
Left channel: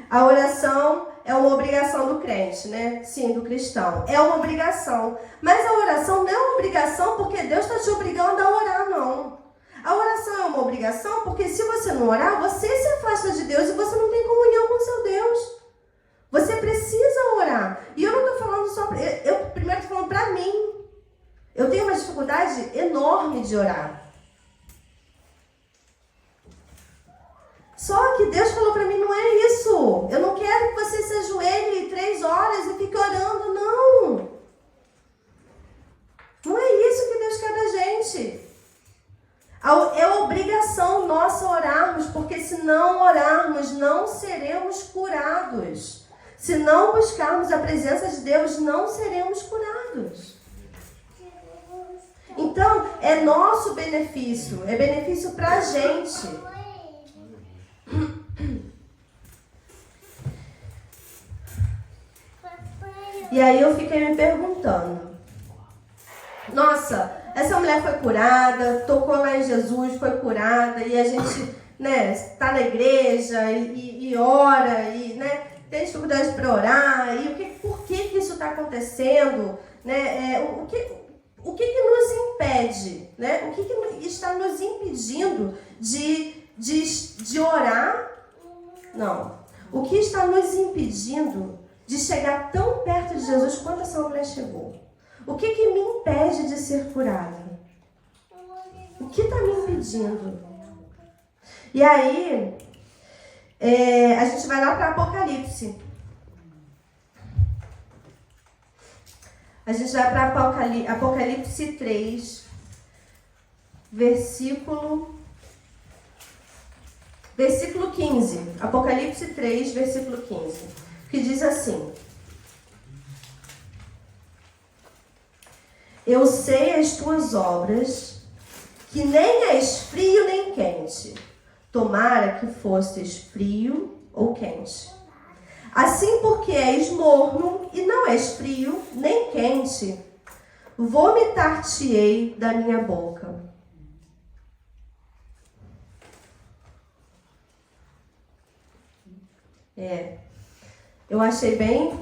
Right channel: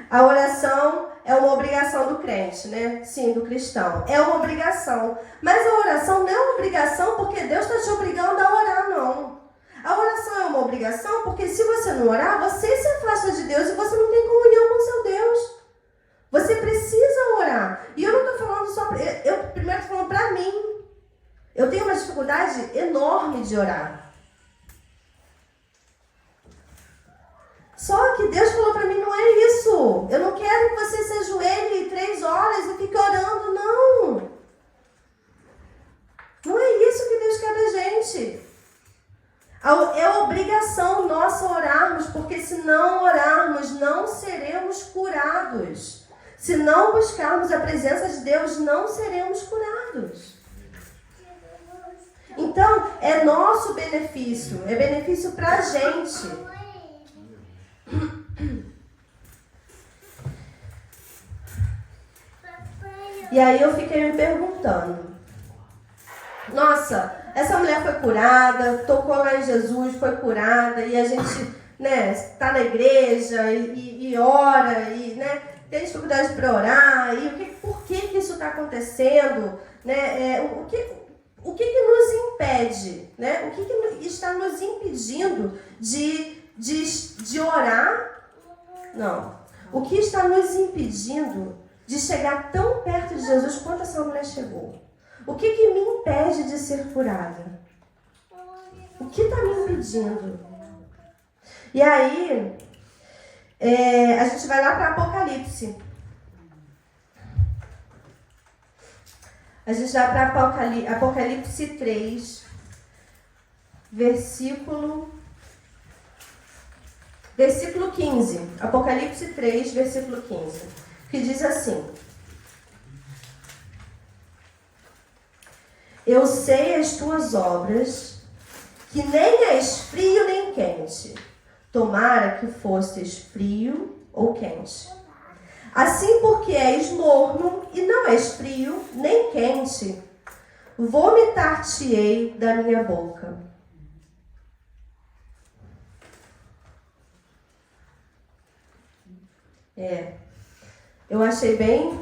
a oração é uma obrigação do crente, né? Sim, do cristão. É uma obrigação. Mas a oração não é uma obrigação porque Deus está te obrigando a orar, não. A oração é uma obrigação porque se você não orar, você se afasta de Deus e você não tem comunhão com seu Deus. Você precisa orar. E eu não estou falando só... Eu primeiro estou falando para mim. Eu tenho uma dificuldade enorme de orar. Só que Deus falou para mim, não é isso. Eu não quero que você se ajoelhe 3 horas e fique orando, não. Não é isso que Deus quer da gente. É obrigação nossa orarmos, porque se não orarmos, não seremos curados. Se não buscarmos a presença de Deus, não seremos curados. Então, é nosso benefício, é benefício para a gente. E aí eu fiquei me perguntando, nossa, essa mulher foi curada, tocou lá em Jesus, foi curada, e a gente, né, está na igreja e ora, e, né, tem dificuldade para orar, e por que isso está acontecendo, né, o que nos impede, né? O que está nos impedindo de orar? Não. O que está nos impedindo de chegar tão perto de Jesus quanto essa mulher chegou? O que me impede de ser curada? O que está me impedindo? E aí, a gente vai lá para Apocalipse. A gente vai para Apocalipse 3, versículo 15. Apocalipse 3, versículo 15. Que diz assim: Eu sei as tuas obras, que nem és frio nem quente. Tomara que fosses frio ou quente. Assim, porque és morno e não és frio nem quente, vomitar-te-ei da minha boca. Eu achei bem...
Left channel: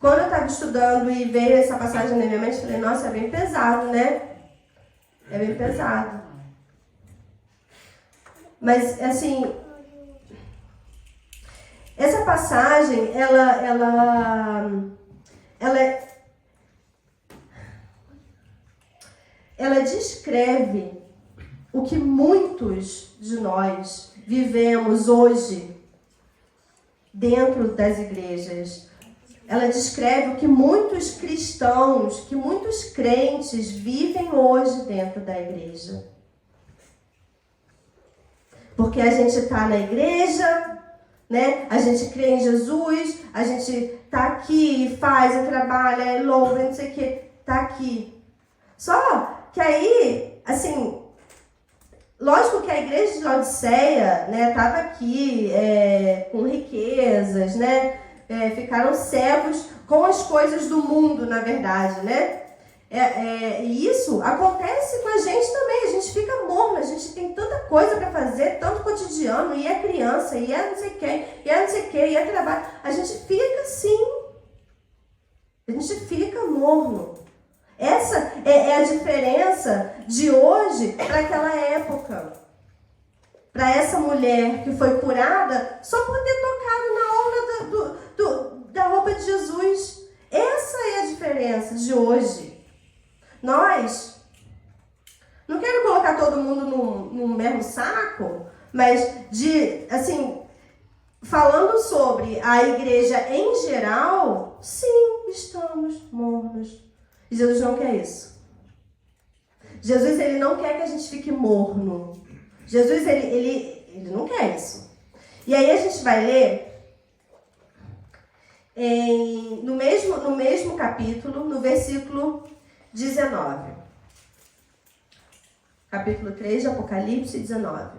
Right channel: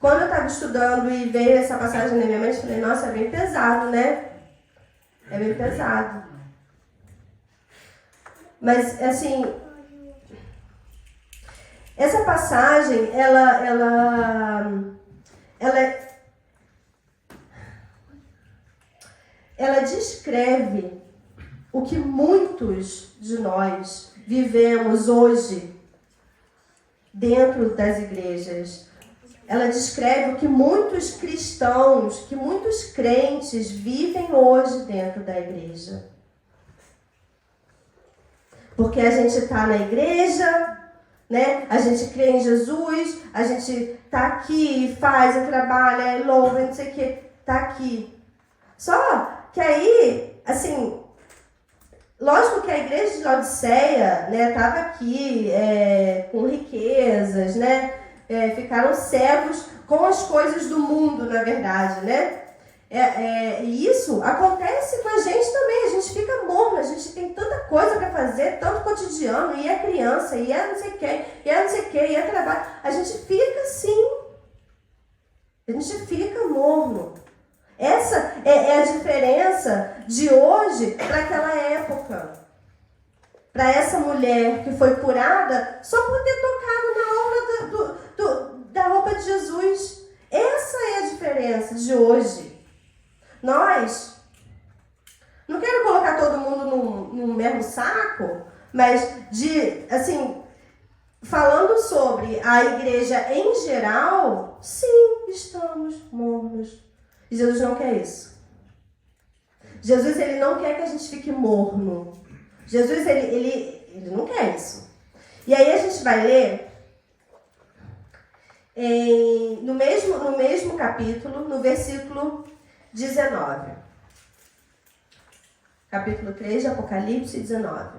Quando eu estava estudando e veio essa passagem na minha mente, eu falei, nossa, é bem pesado, né? É bem pesado. Mas, assim... Essa passagem, ela descreve o que muitos de nós vivemos hoje dentro das igrejas. Ela descreve o que muitos cristãos, que muitos crentes vivem hoje dentro da igreja. Porque a gente está na igreja, né? A gente crê em Jesus, a gente tá aqui e faz, e trabalha, e louva, não sei o que, tá aqui. Só que aí, assim, lógico que a igreja de Laodiceia, né, tava aqui com riquezas, né? Ficaram cegos com as coisas do mundo, na verdade, né? E isso acontece com a gente também, a gente fica morno, a gente tem fazer tanto cotidiano, e é criança, e é não sei quem, e é não sei o que, e é trabalho. A gente fica assim. A gente fica morno. Essa é a diferença de hoje para aquela época. Para essa mulher que foi curada só por ter tocado na orla da roupa de Jesus. Essa é a diferença de hoje. Nós, não quero colocar todo mundo no mesmo saco, mas falando sobre a igreja em geral, sim, estamos mornos. E Jesus não quer isso. Jesus, ele não quer que a gente fique morno. Jesus, ele não quer isso. E aí a gente vai ler no mesmo capítulo, no versículo 19. Capítulo 3 de Apocalipse 19.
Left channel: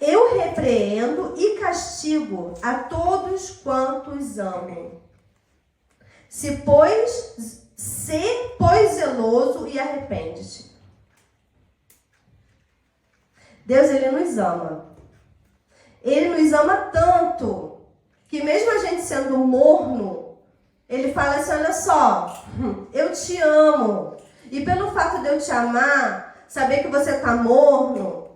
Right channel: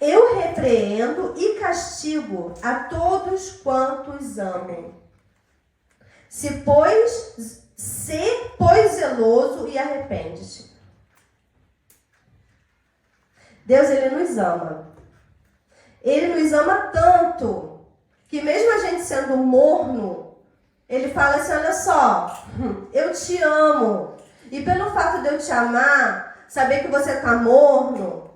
Eu repreendo e castigo a todos quantos amam. Pois zeloso e arrepende-te. Deus, ele nos ama. Ele nos ama tanto que mesmo a gente sendo morno, ele fala assim, olha só, eu te amo. E pelo fato de eu te amar, saber que você está morno,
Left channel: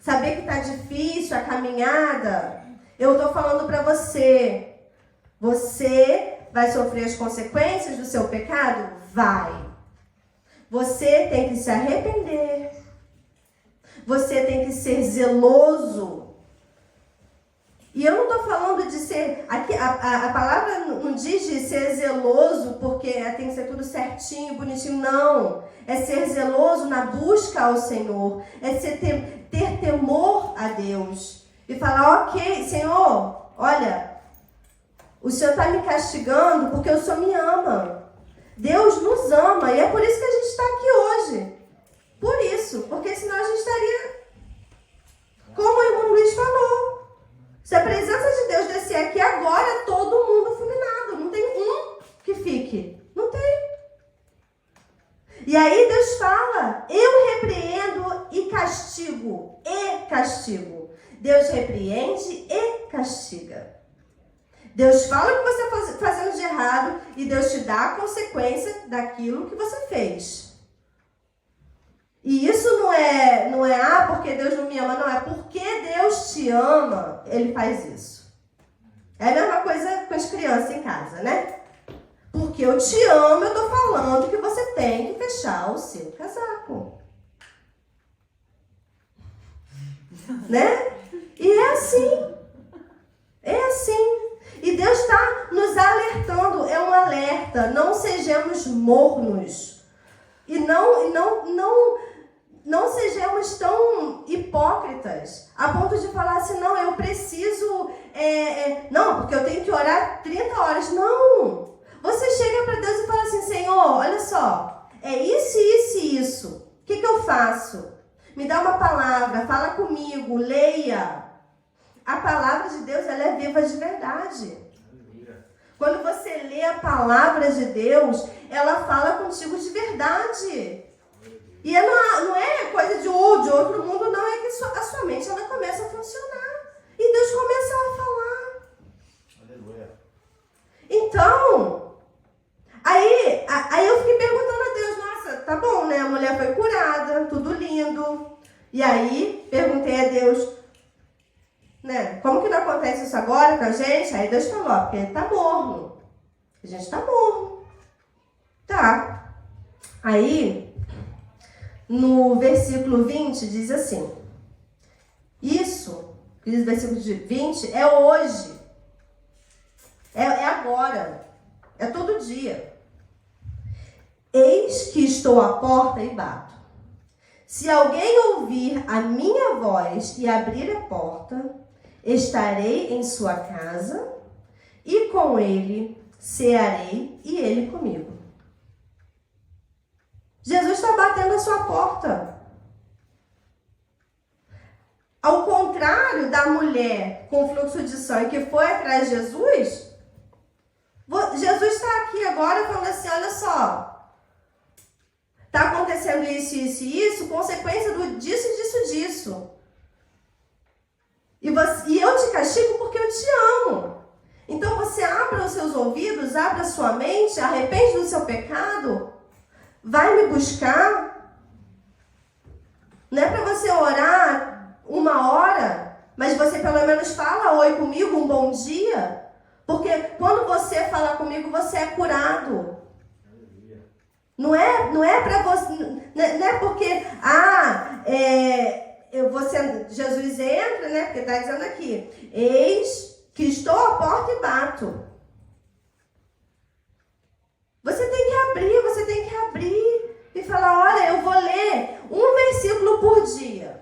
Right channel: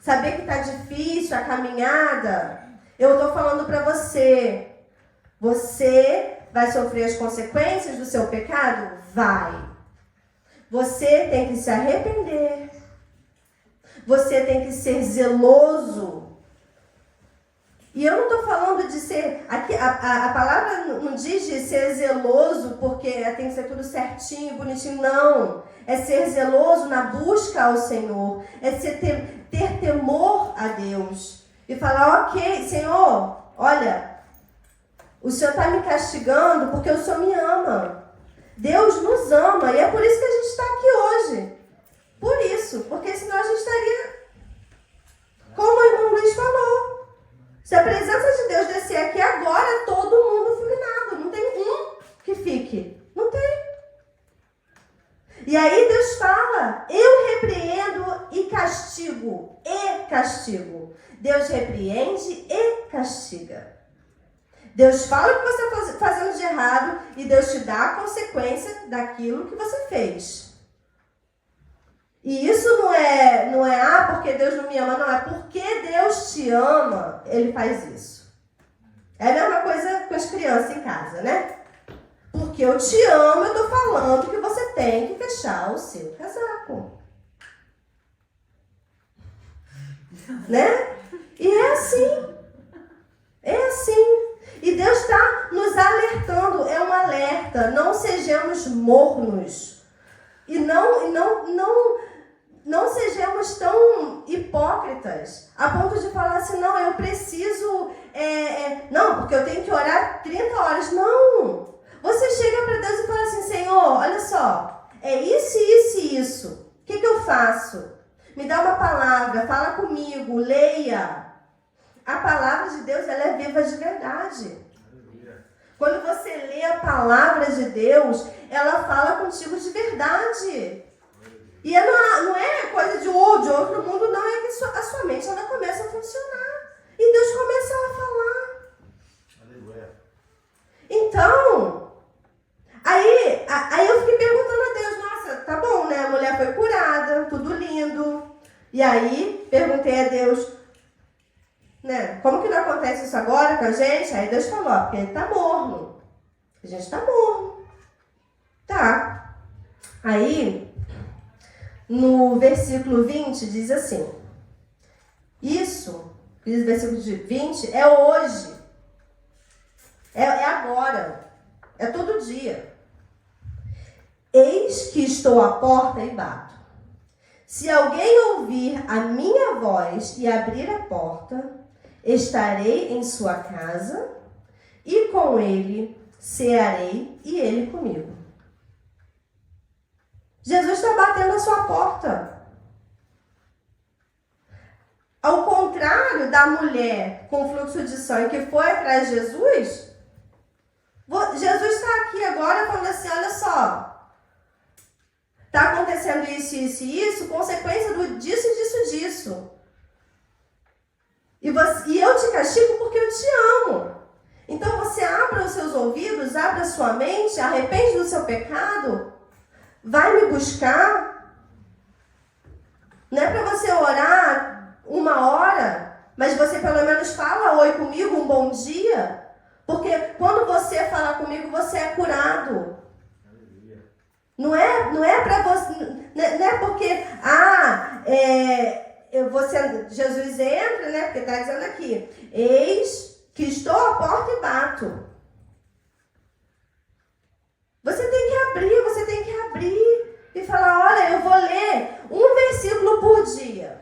saber que está difícil a caminhada, eu estou falando para você, você vai sofrer as consequências do seu pecado? Vai. Você tem que se arrepender. Você tem que ser zeloso. E eu não estou falando de ser... Aqui, a palavra não diz de ser zeloso porque tem que ser tudo certinho, bonitinho. Não. É ser zeloso na busca ao Senhor. É ter temor a Deus. E falar, ok, Senhor, olha, o Senhor está me castigando porque o Senhor me ama. Deus nos ama. E é por isso que a gente está aqui hoje. Por isso. Porque senão a gente estaria, como o irmão Luiz falou, se a presença de Deus descer aqui agora, todo mundo fulminado. Não tem um que fique. Não tem. E aí Deus fala, eu repreendo e castigo. E castigo. Deus repreende e castiga. Deus fala o que você está fazendo de errado e Deus te dá a consequência daquilo que você fez. E isso não é porque Deus não me ama, não. É porque Deus te ama, Ele faz isso. É a mesma coisa com as crianças em casa, né? Porque eu te amo, eu estou falando que você tem que fechar o seu casaco. Né? E é assim. É assim. E Deus está nos alertando. É um alerta. Não sejamos mornos. E não sejamos tão hipócritas a ponto de falar assim, não, eu preciso, não, porque eu tenho que orar 30 horas. Não! Você chega para Deus e fala assim, Senhor, olha só, é isso, isso e isso. O que eu faço? Me dá uma palavra, fala comigo, leia. A palavra de Deus, ela é viva de verdade. Quando você lê a palavra de Deus, ela fala contigo de verdade. E não é coisa de outro mundo, não. É que a sua mente ela começa a funcionar. E Deus começa a falar. Aleluia. Então, aí eu fiquei perguntando a Deus, nossa, tá bom, né? A mulher foi curada, tudo lindo. E aí, perguntei a Deus, né? Como que não acontece isso agora com a gente? Aí Deus falou, ó, porque ele tá morno. A gente tá morno. Tá. Aí, no versículo 20, diz assim. Isso, diz o versículo 20, é hoje. É agora. É todo dia. Eis que estou à porta e bato. Se alguém ouvir a minha voz e abrir a porta, estarei em sua casa e com ele cearei e ele comigo. Jesus está batendo a sua porta. Ao contrário da mulher com fluxo de sangue que foi atrás de Jesus, Jesus está aqui agora falando assim, olha só, está acontecendo isso, isso e isso, consequência disso, disso, disso. E eu te castigo porque eu te amo. Então você abra os seus ouvidos, abra a sua mente, arrepende do seu pecado, vai me buscar. Não é para você orar 1 hora, mas você pelo menos fala oi comigo, um bom dia. Porque quando você fala comigo, você é curado. Não é para você, não é porque Jesus entra, né? Porque está dizendo aqui, eis que estou à porta e bato. Você tem que abrir e falar, olha, eu vou ler um versículo por dia.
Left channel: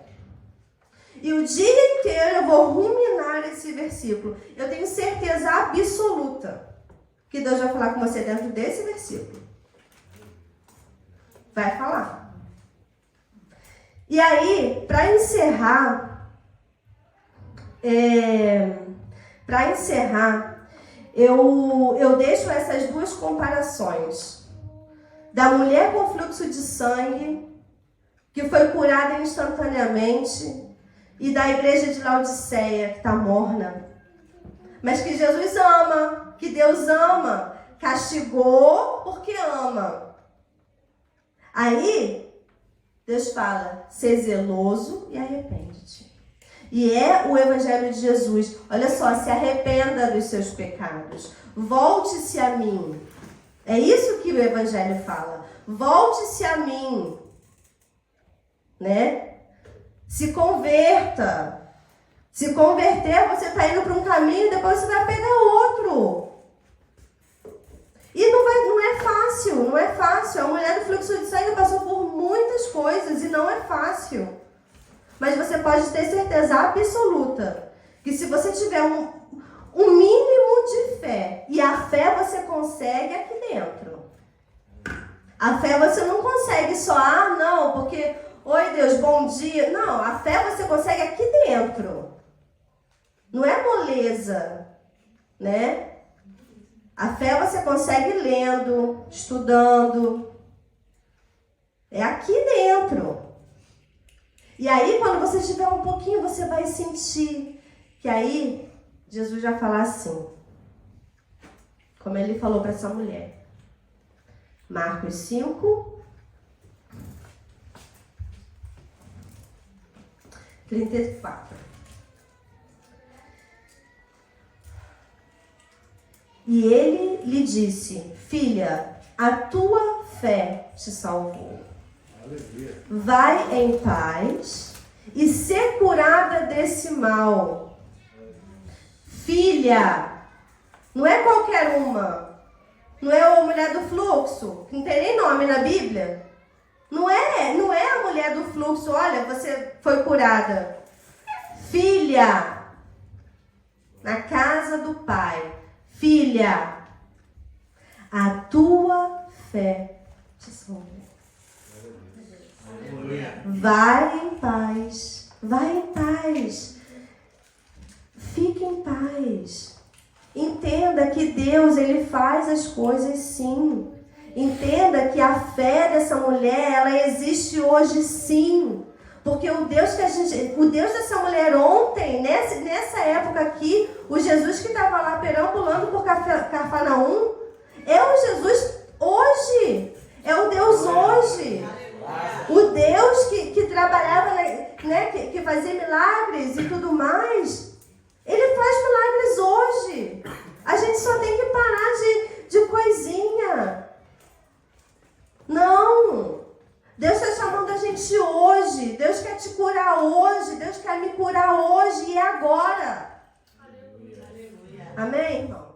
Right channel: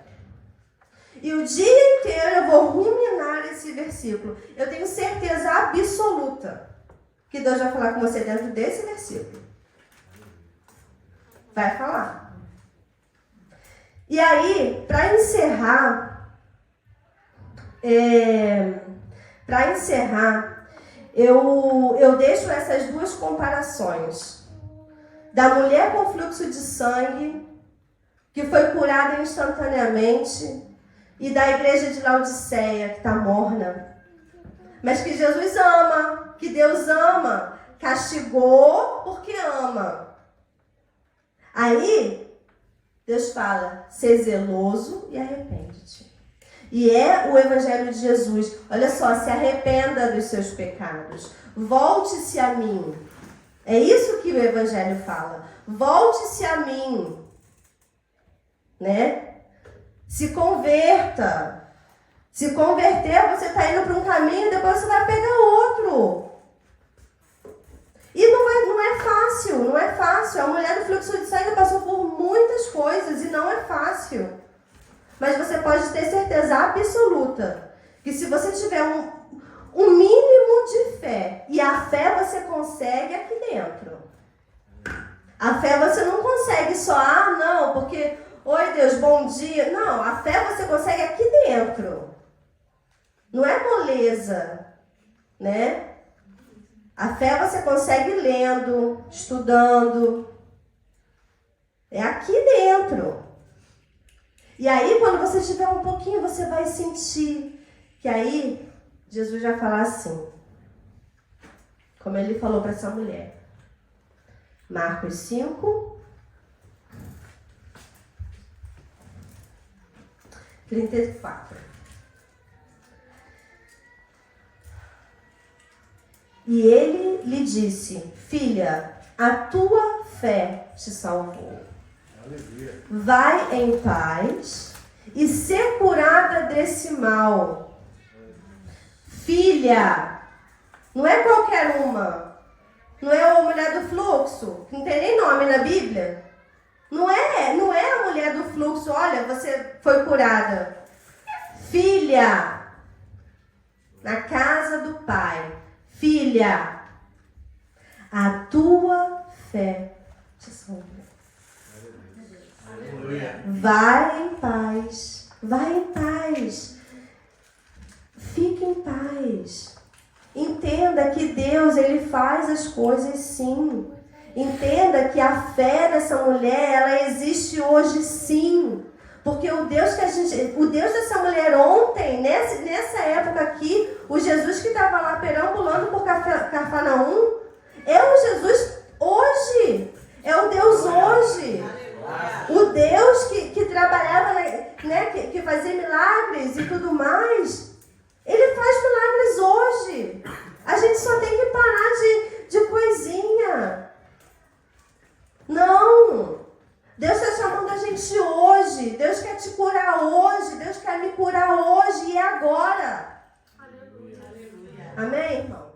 E o dia inteiro eu vou ruminar esse versículo. Eu tenho certeza absoluta que Deus vai falar com você dentro desse versículo. Vai falar. E aí, para encerrar, eu deixo essas duas comparações. Da mulher com fluxo de sangue, que foi curada instantaneamente, e da igreja de Laodiceia, que está morna. Mas que Jesus ama, que Deus ama, castigou porque ama. Aí, Deus fala, ser zeloso e arrepende-te. E é o Evangelho de Jesus. Olha só, se arrependa dos seus pecados. Volte-se a mim. É isso que o Evangelho fala. Volte-se a mim. Né? Se converta. Se converter, você está indo para um caminho, depois você vai pegar outro. E não é fácil. A mulher do fluxo de sangue passou por muitas coisas e não é fácil. Mas você pode ter certeza absoluta que se você tiver um mínimo de fé, e a fé você consegue aqui dentro. A fé você não consegue só, não, porque, oi Deus, bom dia. Não, a fé você consegue aqui dentro. Não é moleza, né? A fé você consegue lendo, estudando. É aqui dentro. E aí, quando você tiver um pouquinho, você vai sentir que aí Jesus vai falar assim, como ele falou para essa mulher. Marcos 5, 34. E ele lhe disse, filha, a tua fé te salvou. Aleluia. Vai em paz e ser curada desse mal. Filha, não é qualquer uma. Não é a mulher do fluxo, que não tem nem nome na Bíblia. Não é a mulher do fluxo, olha, você foi curada. Filha, na casa do Pai. Filha, a tua fé te salvou. Vai em paz. Vai em paz. Fique em paz. Entenda que Deus, Ele faz as coisas sim. Entenda que a fé dessa mulher, ela existe hoje sim. Porque o Deus dessa mulher ontem, nessa época aqui, o Jesus que estava lá perambulando por Cafarnaum, é o Jesus hoje. É o Deus hoje. O Deus que trabalhava, né, que fazia milagres e tudo mais, Ele faz milagres hoje. A gente só tem que parar de coisinha. Não. Deus está chamando a gente hoje. Deus quer te curar hoje. Deus quer me curar hoje e agora. Aleluia. Amém, irmão?